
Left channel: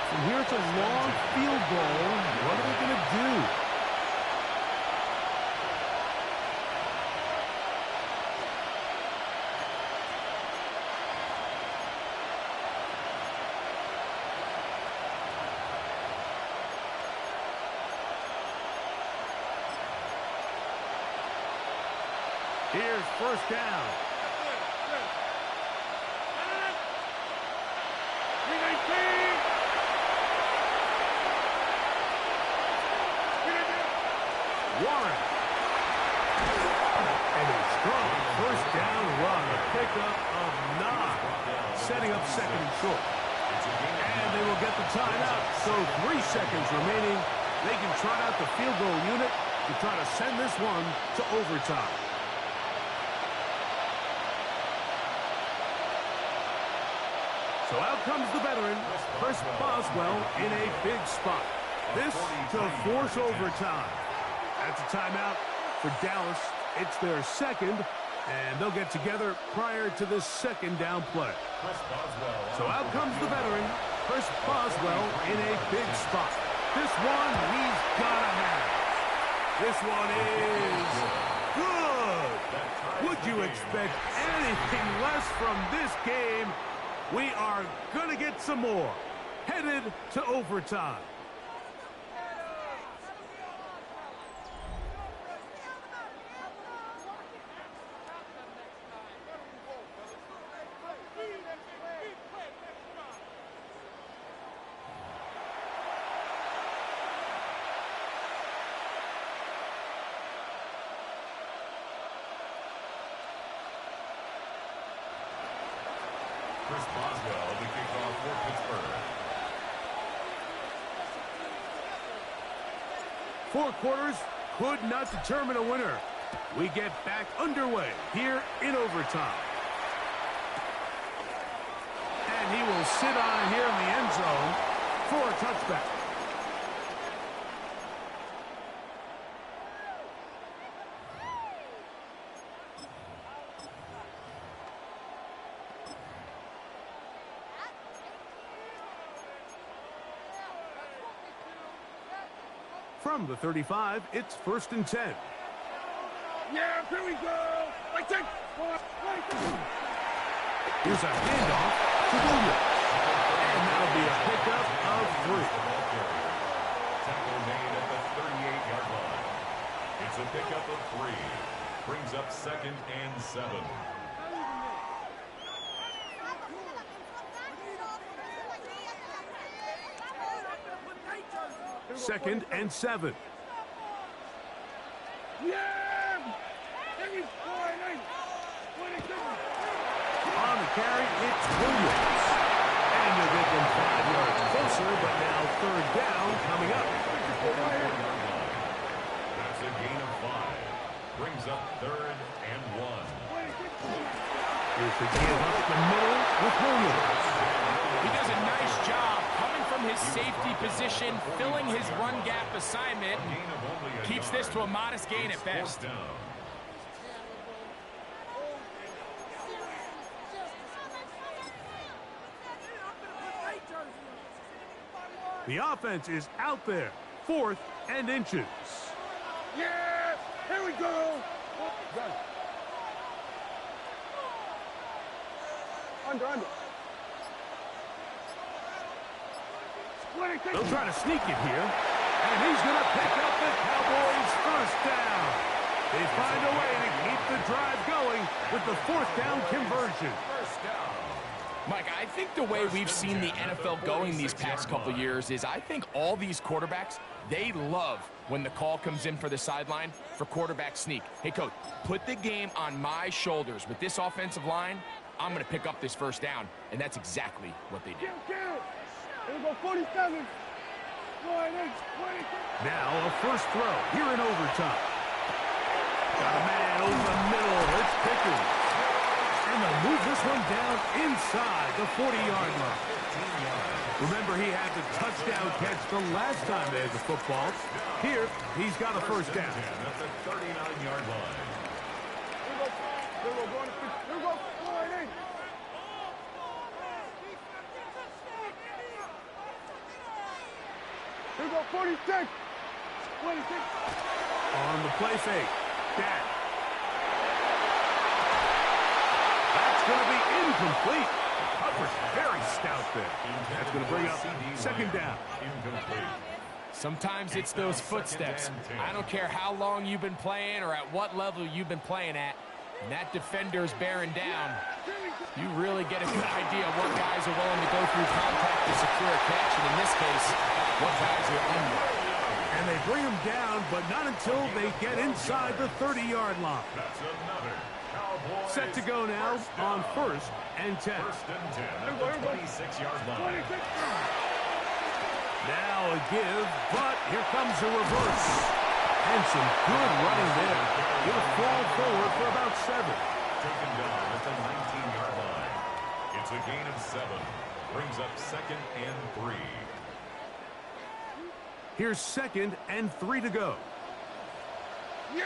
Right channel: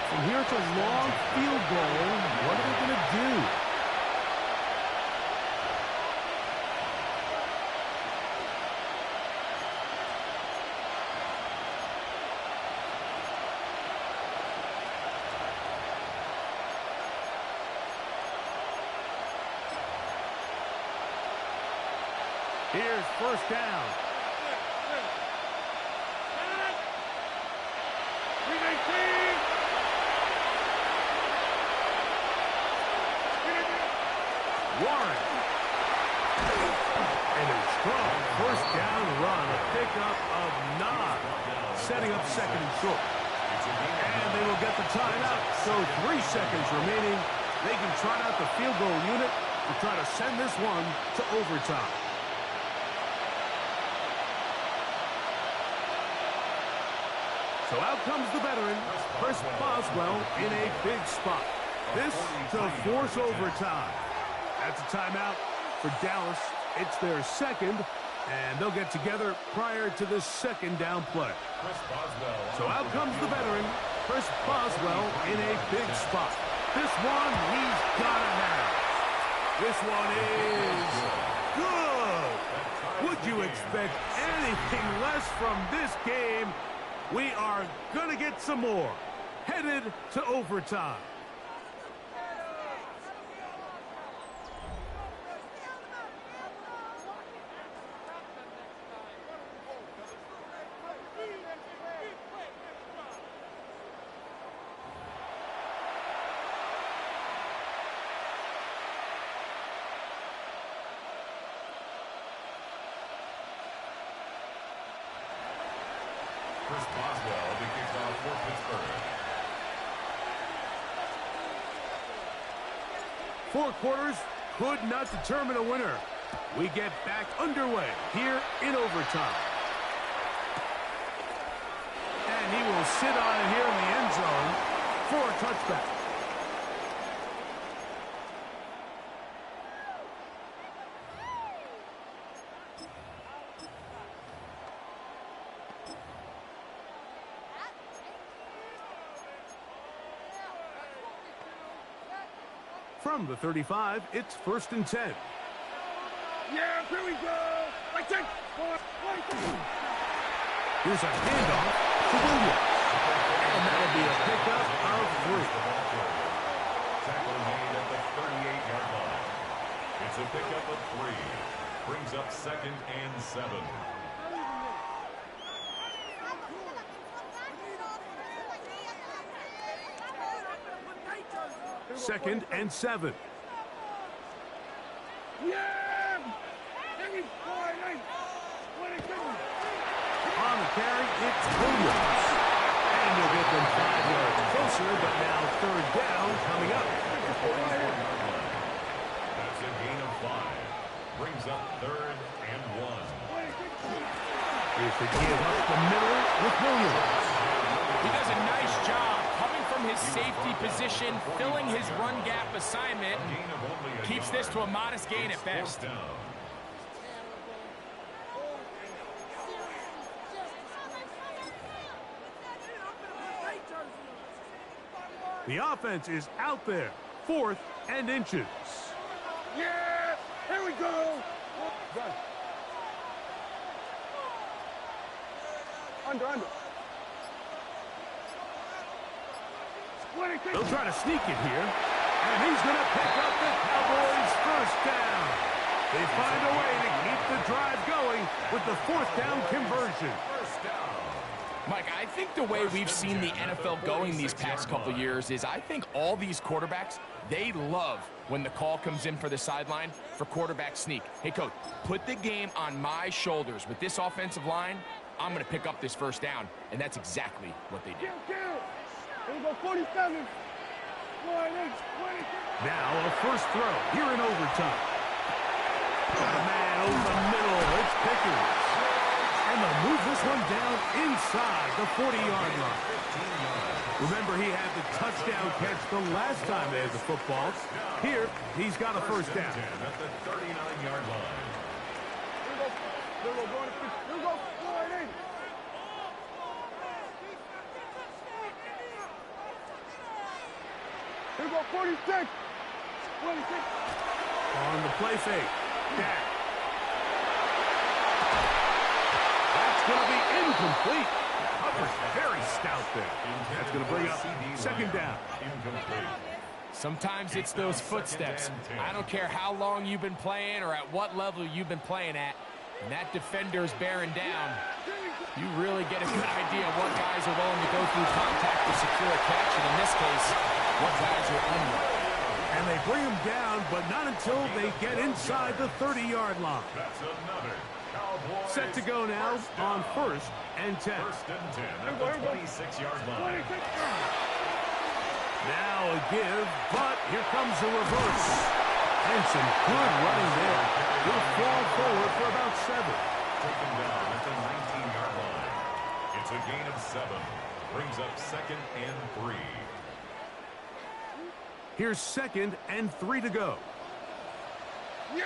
From here, it's a long field goal. What are they going to do? Here's first down. Warren. And a strong first down run, a pickup of 9, setting up second and short. And they will get the timeout, so 3 seconds remaining. They can trot out the field goal unit to try to send this one to overtime. So out comes the veteran, Chris Boswell, in a big spot. This to force overtime. That's a timeout for Dallas. It's their second, and they'll get together prior to this second down play. So out comes the veteran, Chris Boswell, in a big spot. This one he's got to have. This one is good. Would you expect anything less from this game? We are going to get some more. Headed to overtime. Chris Boswell, the kickoff for Pittsburgh. 4 quarters could not determine a winner. We get back underway here in overtime. And he will sit on it here in the end zone for a touchback. From the 35, it's first and 10. Yeah, here we go. Here's a handoff to Williams. And that'll be a pickup of 3. Tackle made at the 38-yard line. It's a pickup of 3. Brings up second and 7. 2nd and 7. Yeah! On the carry, it's Williams. And you'll get them 5 yards closer, but now 3rd down coming up. That's a gain of 5. Brings up 3rd and 1. Here's the give up the middle with Williams. He does a nice job coming from his safety position, filling his run gap assignment, and keeps this to a modest gain at best. The offense is out there. 4th and inches. Yeah! Here we go! Done. Under. They'll try to sneak it here. And he's going to pick up the Cowboys' 1st down. They find a way to keep the drive going with the 4th down conversion. Mike, I think the way we've seen the NFL going these past couple years is I think all these quarterbacks, they love when the call comes in for the sideline for quarterback sneak. Hey, coach, put the game on my shoulders. With this offensive line, I'm going to pick up this 1st down. And that's exactly what they did. Here we go, 47. Now a 1st throw here in overtime. Got a man over the middle. It's Pickens. And they'll move this one down inside the 40-yard line. Remember, he had the touchdown catch the last time they had the football. Here, he's got a 1st down. At the 39-yard line. Here we go, 48. Here we go, 46. 26. On the play fake. Dak. That's going to be incomplete. Coverage very stout there. That's going to bring up 2nd down. Sometimes it's those footsteps. I don't care how long you've been playing or at what level you've been playing at. And that defender's bearing down. You really get a good idea of what guys are willing to go through contact to secure a catch. And in this case, what guys are unwilling. And they bring him down, but not until they get inside the 30-yard line. That's another Cowboys. Set to go now on 1st and 10. 1st and 10 at the 26-yard line. Now a give, but here comes a reverse. And some good running there. He'll fall forward for about 7. Taken down at the 19-yard line. It's a gain of 7. Brings up 2nd and 3. Here's 2nd and 3 to go. Yeah!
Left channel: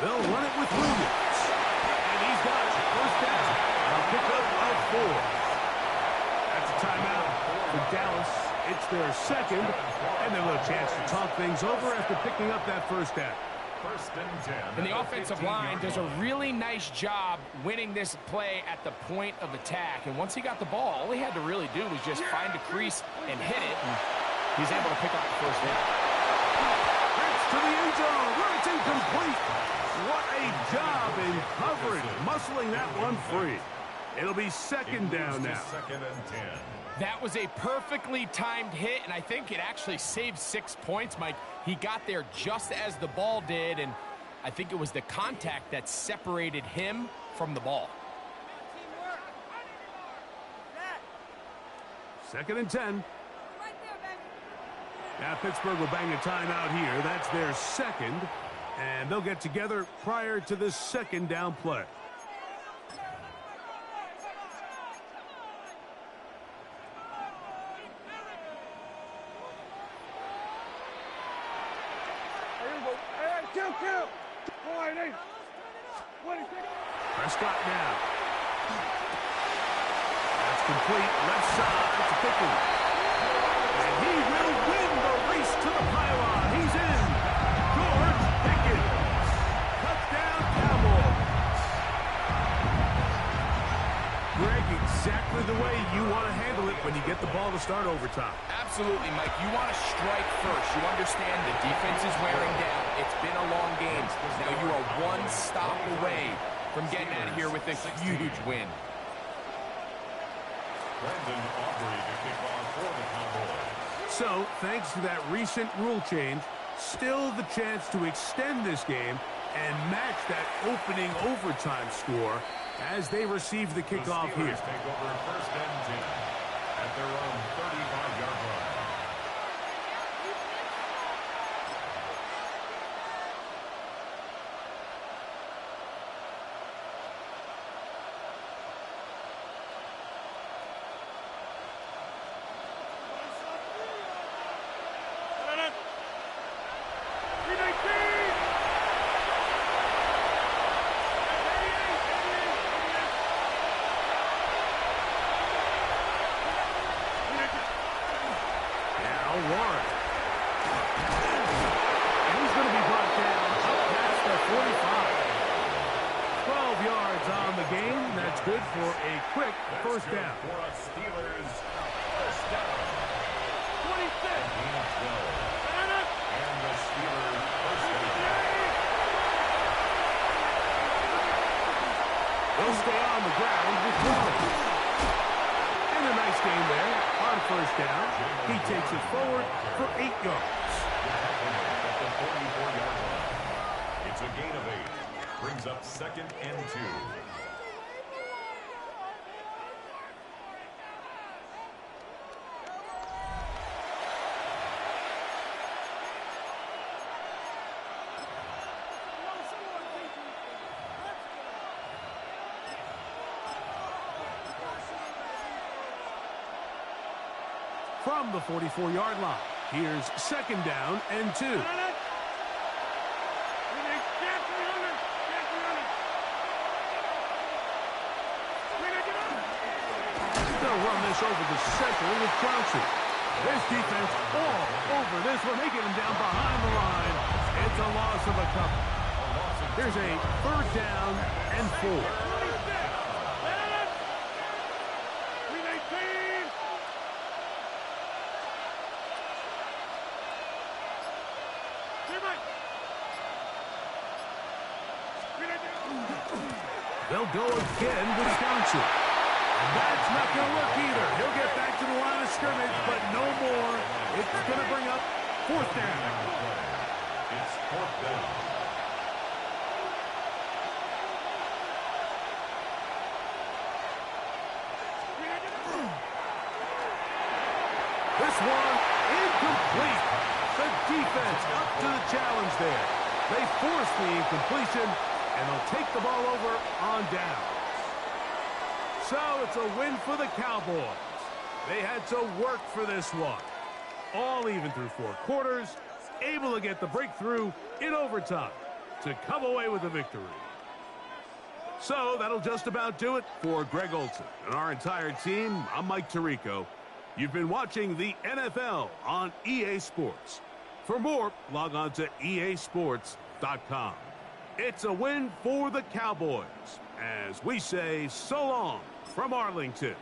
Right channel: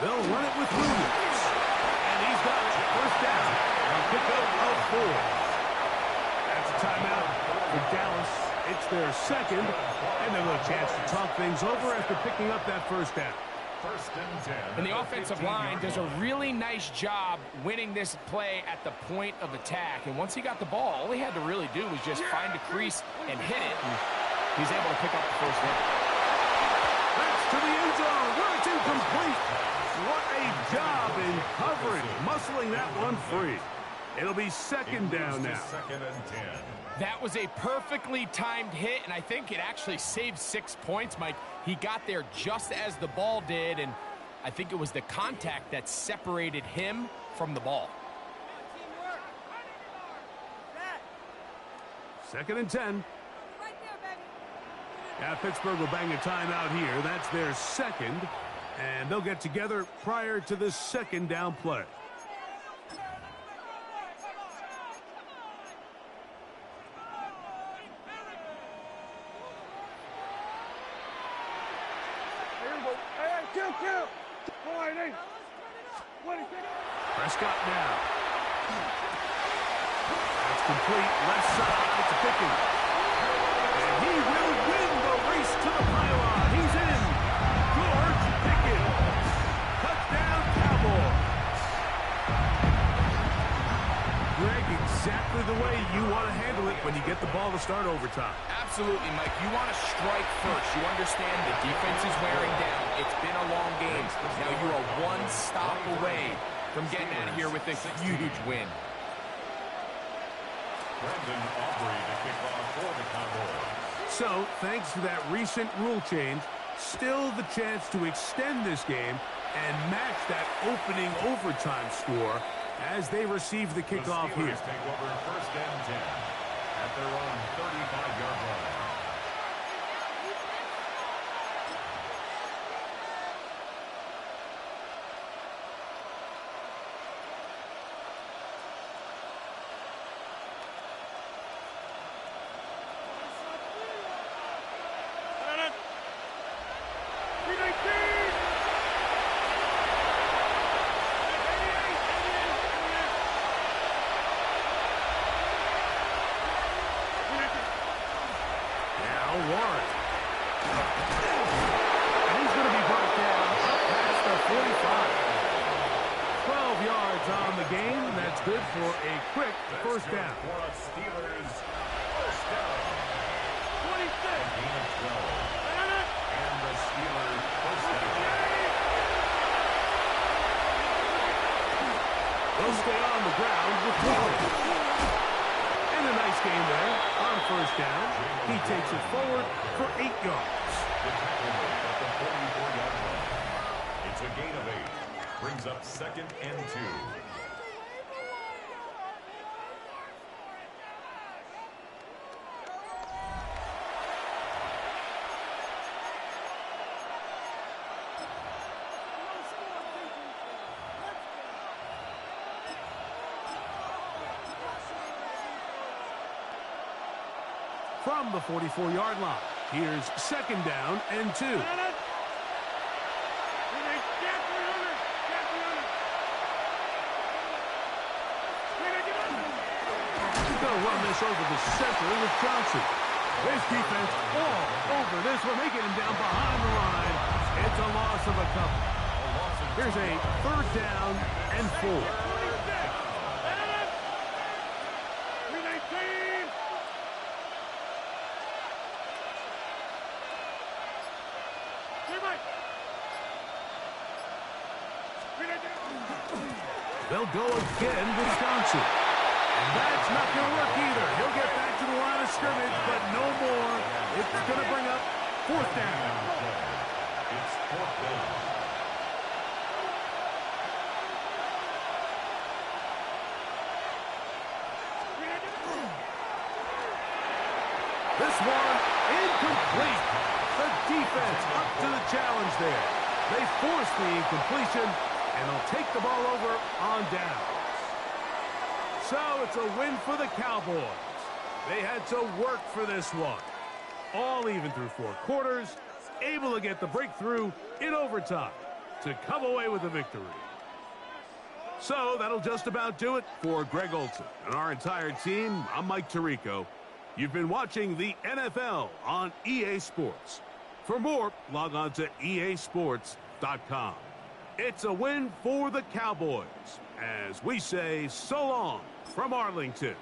They'll run it with Williams. And he's got it. 1st down. A pickup of 4. That's a timeout for Dallas. It's their 2nd. And they'll have a chance to talk things over after picking up that 1st down. 1st and 10. And the offensive line does a really nice job winning this play at the point of attack. And once he got the ball, all he had to really do was just find a crease and hit it. And he's able to pick up the 1st down. That's to the end zone where it's incomplete. What a job in coverage, muscling that one free. It'll be 2nd down now. 2nd and 10. That was a perfectly timed hit, and I think it actually saved 6 points, Mike. He got there just as the ball did, and I think it was the contact that separated him from the ball. 2nd and 10. Now Pittsburgh will bang a timeout here. That's their 2nd, and they'll get together prior to the 2nd down play. Kill. 48. 26. Prescott now. That's complete. Left side to Pickens. And he will win the race to the pylon. He's in. George Pickens. Touchdown, Cowboys. Greg, exactly the way you want to handle it when you get the ball to start overtime. Absolutely, Mike. You want to strike first. You understand the defense is wearing down. It's been a long game. Now you are one stop away from getting out of here with a huge win. Brandon Aubrey to kick off for the Cowboys. So, thanks to that recent rule change, still the chance to extend this game and match that opening overtime score as they receive the kickoff the Steelers here. take over 1st and 10 at their own 35-yard line. Warren. And he's going to be brought down up past the 45. 12 yards on the game. That's good for a quick first down. For a Steelers first down. 26. Gain of 12. And the Steelers first down. They'll stay on the ground with Warren. And a nice game there on first down. He takes it forward for 8 yards. The tackle made at the 44-yard line. It's a gain of 8. Brings up 2nd and 2. From the 44-yard line, here's 2nd down and 2. They'll run this over the center with Johnson. This defense all over this one, making him down behind the line. It's a loss of a couple. Here's a 3rd down and 4. They'll go again with Johnson. And that's not going to work either. He'll get back to the line of scrimmage, but no more. It's going to bring up 4th down. It's 4th down. This one incomplete. The defense up to the challenge there. They force the incompletion, and they'll take the ball over on down. So it's a win for the Cowboys. They had to work for this one. All even through 4 quarters, able to get the breakthrough in overtime to come away with a victory. So that'll just about do it for Greg Olson and our entire team. I'm Mike Tirico. You've been watching the NFL on EA Sports. For more, log on to easports.com. It's a win for the Cowboys, as we say so long from Arlington.